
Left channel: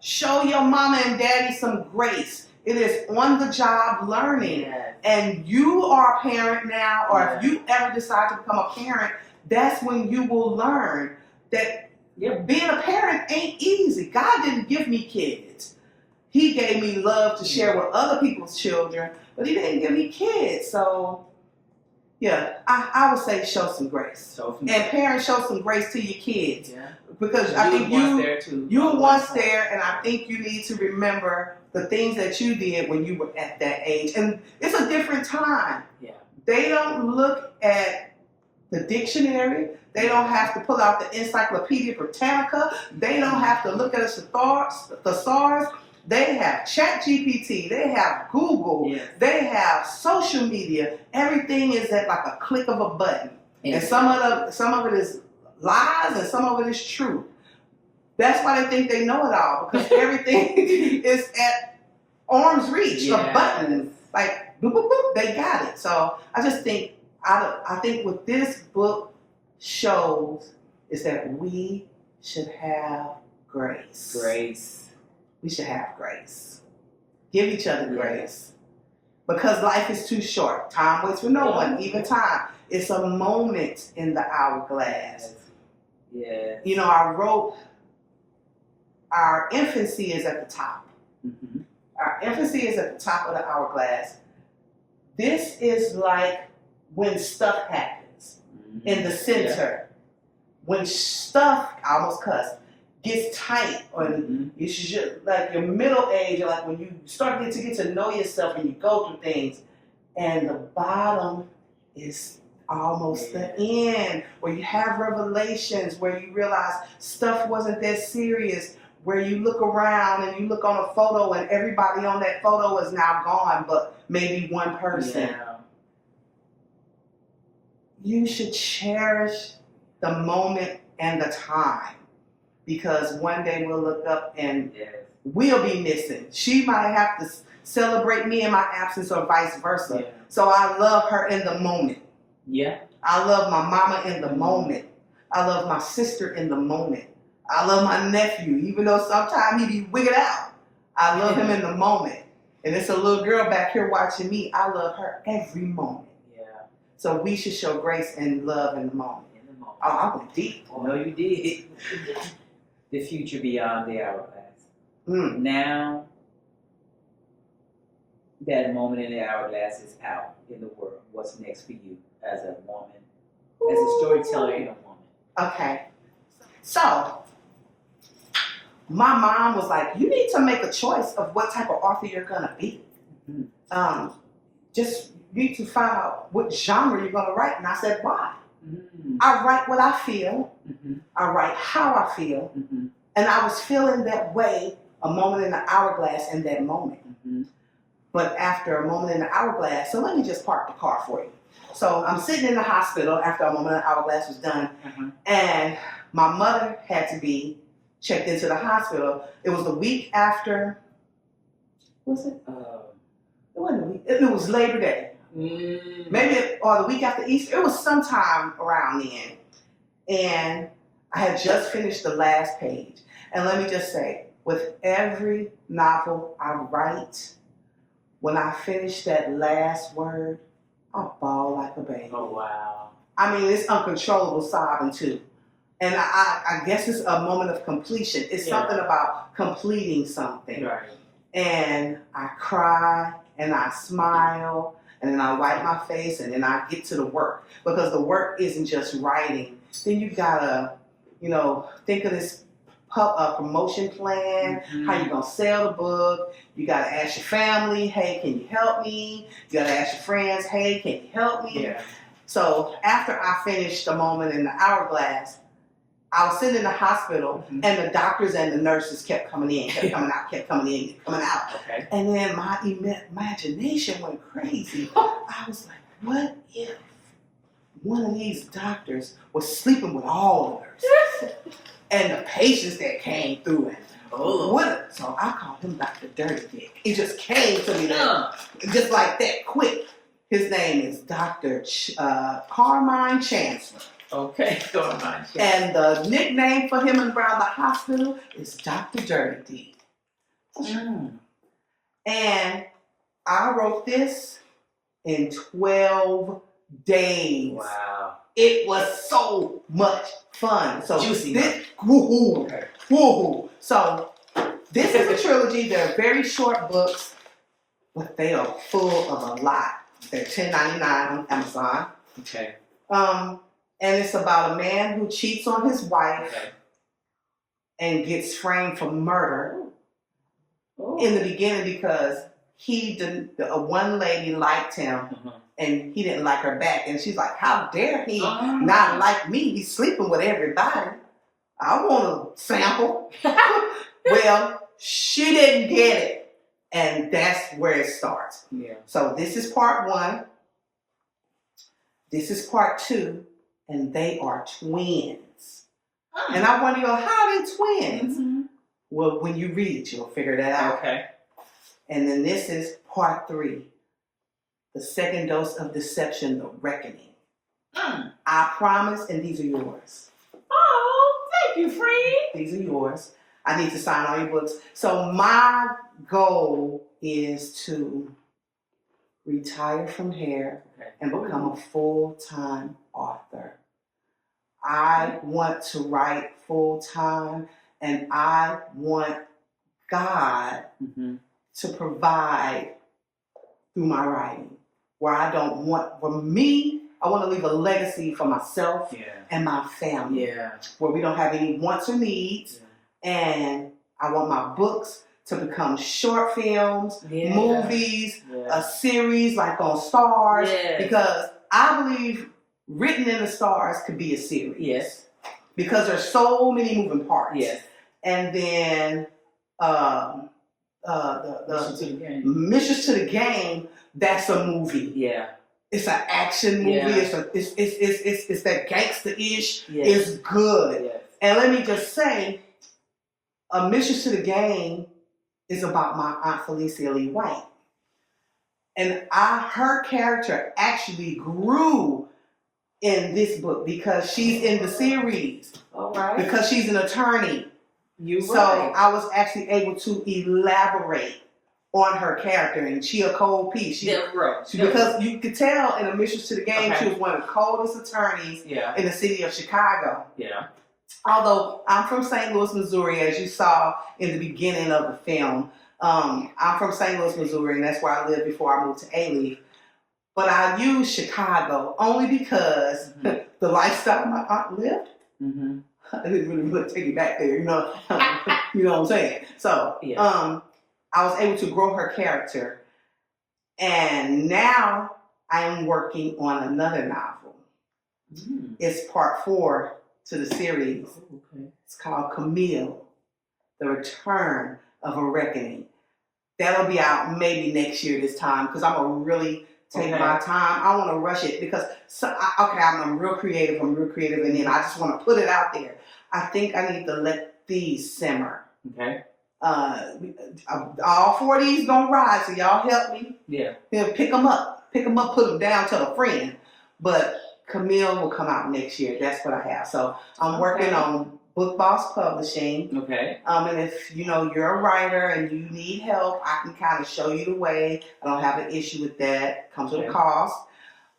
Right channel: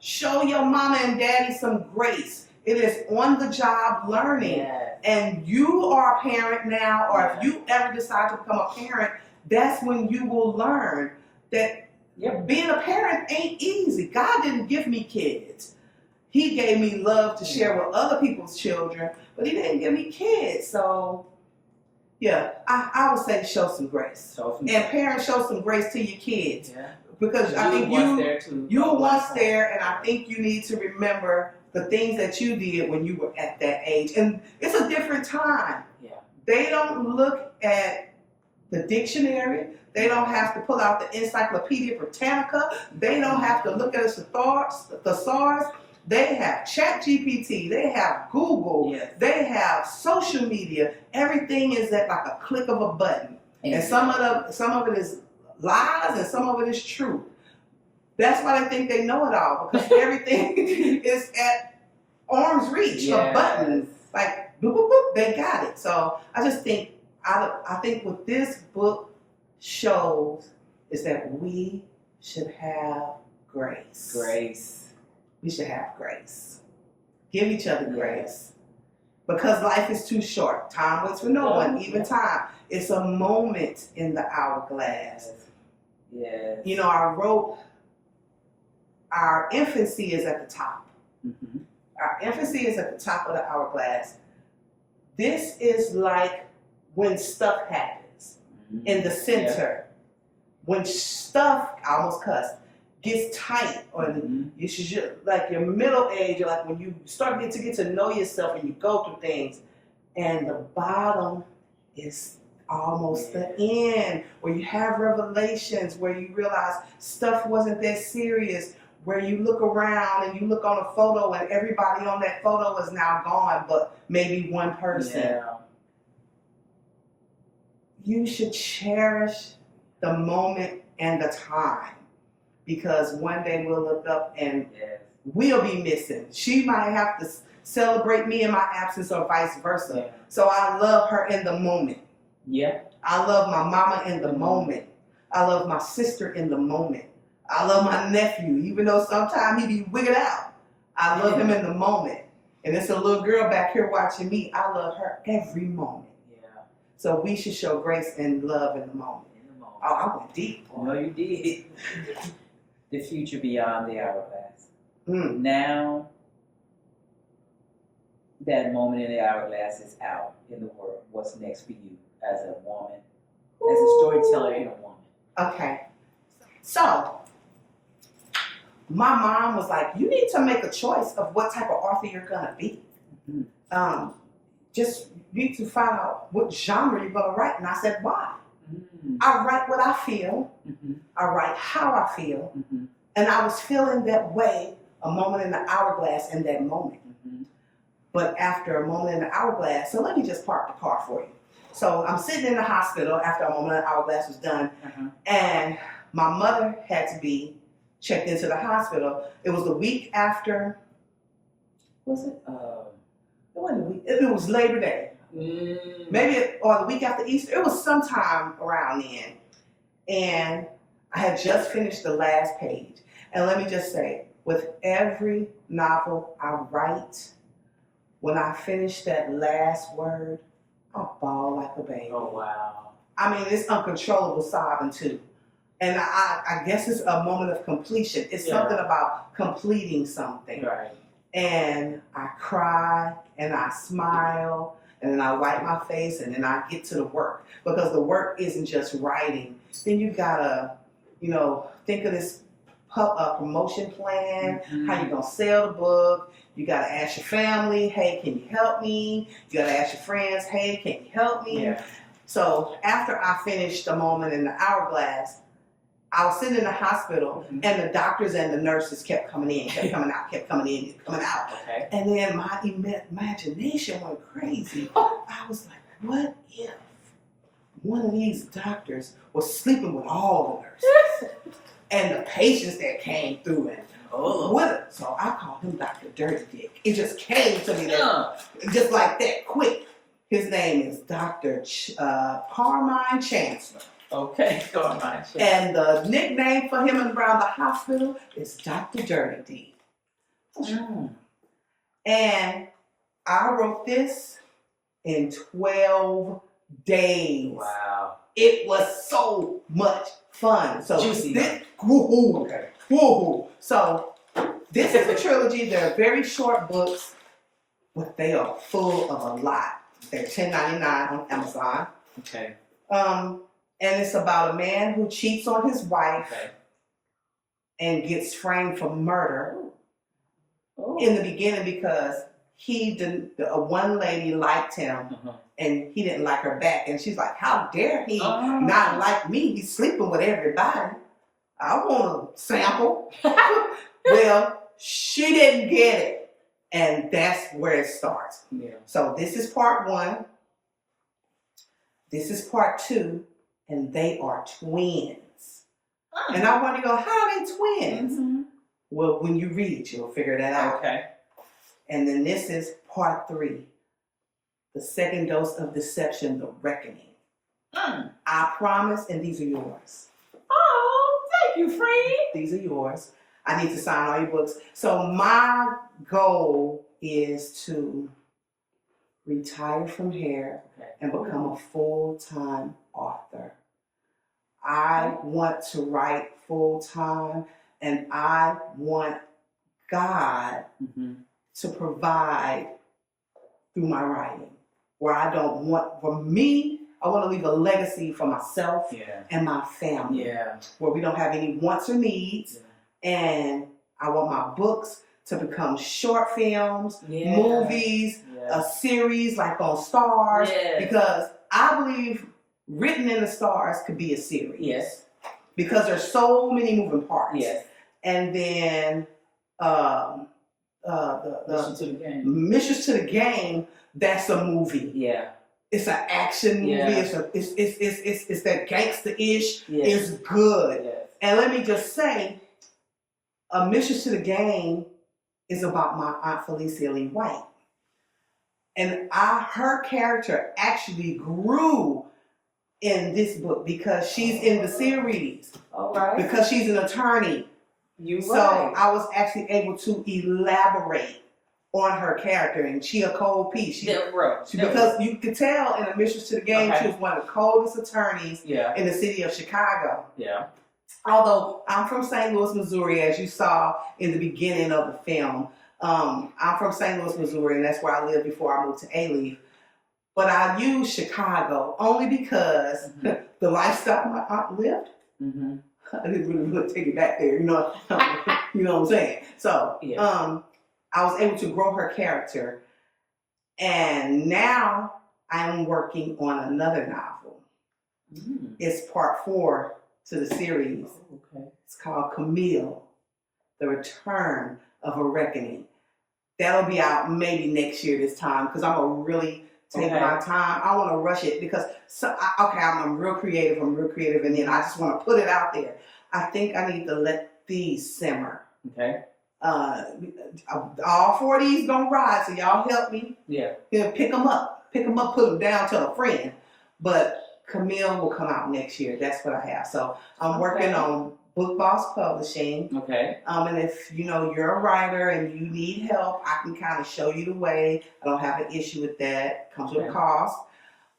show your mama and daddy some grace. It is on the job learning. And you are a parent now, or if you ever decide to become a parent, that's when you will learn that being a parent ain't easy. God didn't give me kids. he gave me love to share with other people's children, but he didn't give me kids. So, yeah, I would say show some grace. And parents, show some grace to your kids. Yeah. Because I think you were once there. there, and I think you need to remember the things that you did when you were at that age. And it's a different time. Yeah. They don't look at the dictionary. They don't have to pull out the Encyclopedia Britannica. They don't have to look at a thesaurus. They have ChatGPT. They have Google. Yes. They have social media. Everything is at like a click of a button. And some of it is lies and some of it is true. That's why they think they know it all, because everything is at arm's reach, a button. Like, boop, boop, boop, they got it. So I just think, I think what this book shows is that we should have grace. Grace. We should have grace. Give each other grace. Because life is too short. Time waits for no one, even time. It's a moment in the hourglass. Yes. You know, I wrote, our infancy is at the top. Mm-hmm. Our infancy is at the top of the hourglass. This is like when stuff happens in the center. When stuff, I almost cussed, gets tight, or you should, like your middle age, or like when you start to get to know yourself and you go through things, and the bottom is almost the end, where you have revelations, where you realize stuff wasn't that serious, where you look around and you look on a photo and everybody on that photo is now gone, but maybe one person. Yeah. You should cherish the moment and the time, because one day we'll look up and we'll be missing. She might have to celebrate me in my absence or vice versa. Yeah. So I love her in the moment. Yeah. I love my mama in the moment. I love my sister in the moment. I love my nephew, even though sometimes he be wigging out. I love him in the moment. And it's a little girl back here watching me. I love her every moment. Yeah. So we should show grace and love in the moment. Oh, I went deep. No, you did. The future beyond the hourglass. Now, that moment in the hourglass is out in the world. What's next for you as a woman, as a storyteller and a woman? Okay. So, my mom was like, you need to make a choice of what type of author you're going to be. Just need to find out what genre you're going to write. And I said, why? I write what I feel. I write how I feel. And I was feeling that way, a moment in the hourglass in that moment. But after a moment in the hourglass, so let me just park the car for you. So I'm sitting in the hospital after a moment in the hourglass was done. And my mother had to be checked into the hospital. It was the week after, was it? It wasn't the week, it was Labor Day. Maybe, or the week after Easter. It was sometime around then. And I had just finished the last page. And let me just say, with every novel I write, when I finish that last word, I bawl like a baby. Oh, wow. I mean, it's uncontrollable sobbing too. And I guess it's a moment of completion. It's something about completing something. Right. And I cry and I smile and then I wipe my face and then I get to the work. Because the work isn't just writing. Then you gotta, think of this promotion plan, how you gonna sell the book. You gotta ask your family, hey, can you help me? You gotta ask your friends, hey, can you help me? Yeah. So after I finished the moment in the hourglass, I was sitting in the hospital and the doctors and the nurses kept coming in, kept coming out, kept coming in, kept coming out. Okay. And then my imagination went crazy. I was like, what if one of these doctors was sleeping with all the nurses and the patients that came through and so I called him Dr. Dirty Dick. It just came to me just like that, quick. His name is Dr. Carmine Chancellor. Okay, Carmine Chancellor. And the nickname for him around the hospital is Dr. Dirty Dick. And I wrote this in 12 days. Wow. It was so much fun. So Juicy. Woohoo. So This is a trilogy. They're very short books, but they are full of a lot. They're $10.99 on Amazon. Okay. And it's about a man who cheats on his wife Okay. and gets framed for murder Oh. in the beginning because one lady liked him and he didn't like her back. And she's like, how dare he not like me? He's sleeping with everybody. I want to sample. Well, she didn't get it. And that's where it starts. Yeah. So this is part 1. This is part 2. And they are twins. And I wonder, how are they twins? Mm-hmm. Well, when you read it, you'll figure that out. Okay. And then this is part 3. The second dose of deception, the reckoning. I promise, and these are yours. Oh, thank you, friend. These are yours. I need to sign all your books. So my goal is to retire from hair and become a full-time author. I want to write full-time, and I want God to provide through my writing. Where I don't want, for me, I want to leave a legacy for myself and my family. Yeah. Where we don't have any wants or needs. And I want my books to become short films, movies, a series like on Stars. Because I believe Written in the Stars could be a series. Yes. Because there's so many moving parts. Yes. And then Mistress To The Game, that's a movie. Yeah. It's an action movie. Yeah. It's that gangster-ish. Yes. It's good. Yes. And let me just say, A Mistress To The Game is about my Aunt Felicia Lee White. And her character actually grew in this book because she's in the series. All right. Because she's an attorney. So I was actually able to elaborate on her character, and she a cold piece. Because you could tell in A Mistress To The Game, she was one of the coldest attorneys in the city of Chicago. Yeah. Although I'm from St. Louis, Missouri, as you saw in the beginning of the film. I'm from St. Louis, Missouri, and that's where I lived before I moved to A-Leaf. But I use Chicago only because the lifestyle my aunt lived. I didn't really take it back there, you know. You know what I'm saying? So, I was able to grow her character, and now I am working on another novel. It's part 4 to the series. It's called Camille, The Return of a Reckoning. That'll be out maybe next year this time, because I'm going to really take my time. I want to rush it because, I'm real creative, and then I just want to put it out there. I think I need to let these simmer. Okay. All 4 of these gonna ride, so y'all help me. Yeah. Pick them up, put them down to a friend. But Camille will come out next year. That's what I have. So I'm working on Book Boss Publishing. Okay. And if you're a writer and you need help, I can kind of show you the way. I don't have an issue with that. It comes with a cost,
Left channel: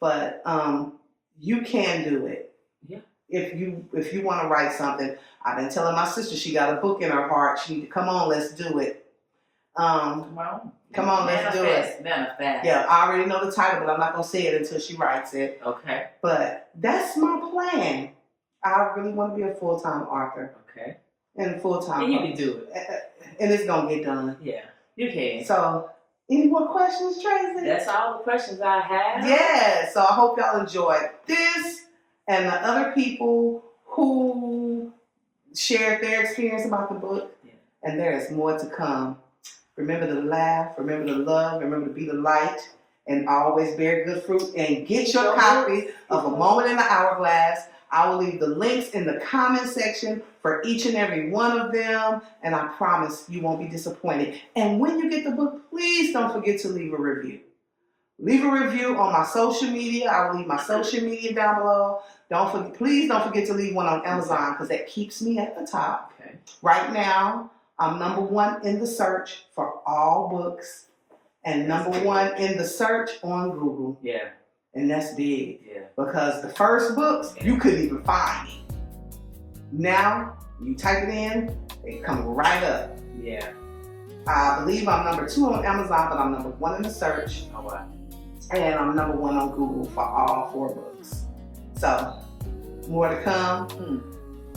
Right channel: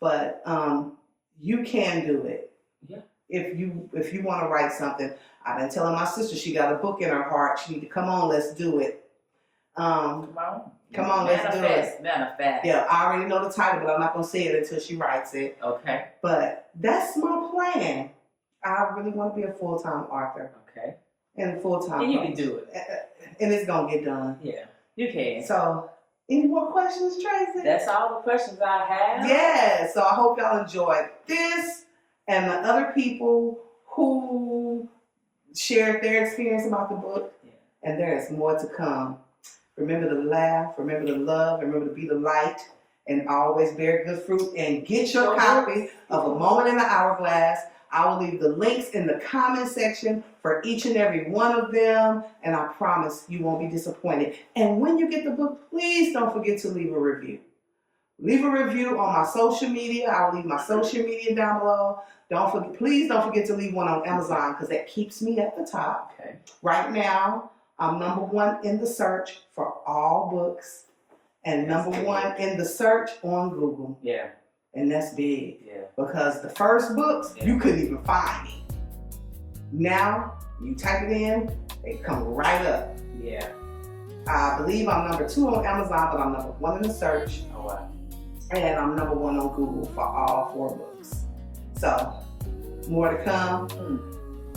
but you can do it. Yeah. If you want to write something. I've been telling my sister she got a book in her heart. She need to come on, let's do it. Come on, let's do it. Manifest. Yeah, I already know the title, but I'm not gonna say it until she writes it. Okay. But that's my plan. I really want to be a full-time author. Okay. And full-time. And you can do it. And it's gonna get done. Yeah, you can. So, any more questions, Tracy? That's all the questions I have. Yeah. So I hope y'all enjoyed this and the other people who shared their experience about the book, and there is more to come. Remember to laugh, remember to love, remember to be the light, and always bear good fruit. And get your copy of A Moment in the Hourglass. I will leave the links in the comment section for each and every one of them, and I promise you won't be disappointed. And when you get the book, please don't forget to leave a review. Leave a review on my social media. I will leave my social media down below. Please don't forget to leave one on Amazon, because that keeps me at the top. Okay. Right now, I'm #1 in the search for all books, and #1 in the search on Google. Yeah. And that's big. Yeah. Because the first books, you couldn't even find me. Now, You type it in, they come right up. Yeah. I believe I'm number 2 on Amazon, but I'm number 1 in the search. Oh, wow. And I'm number 1 on Google for all 4 books. So, more to come.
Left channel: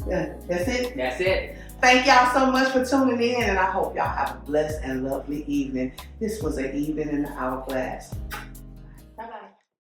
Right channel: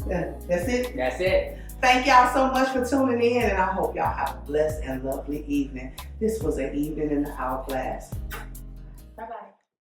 Yeah, that's it. That's it. Thank y'all so much for tuning in, and I hope y'all have a blessed and lovely evening. This was an evening in the Hourglass.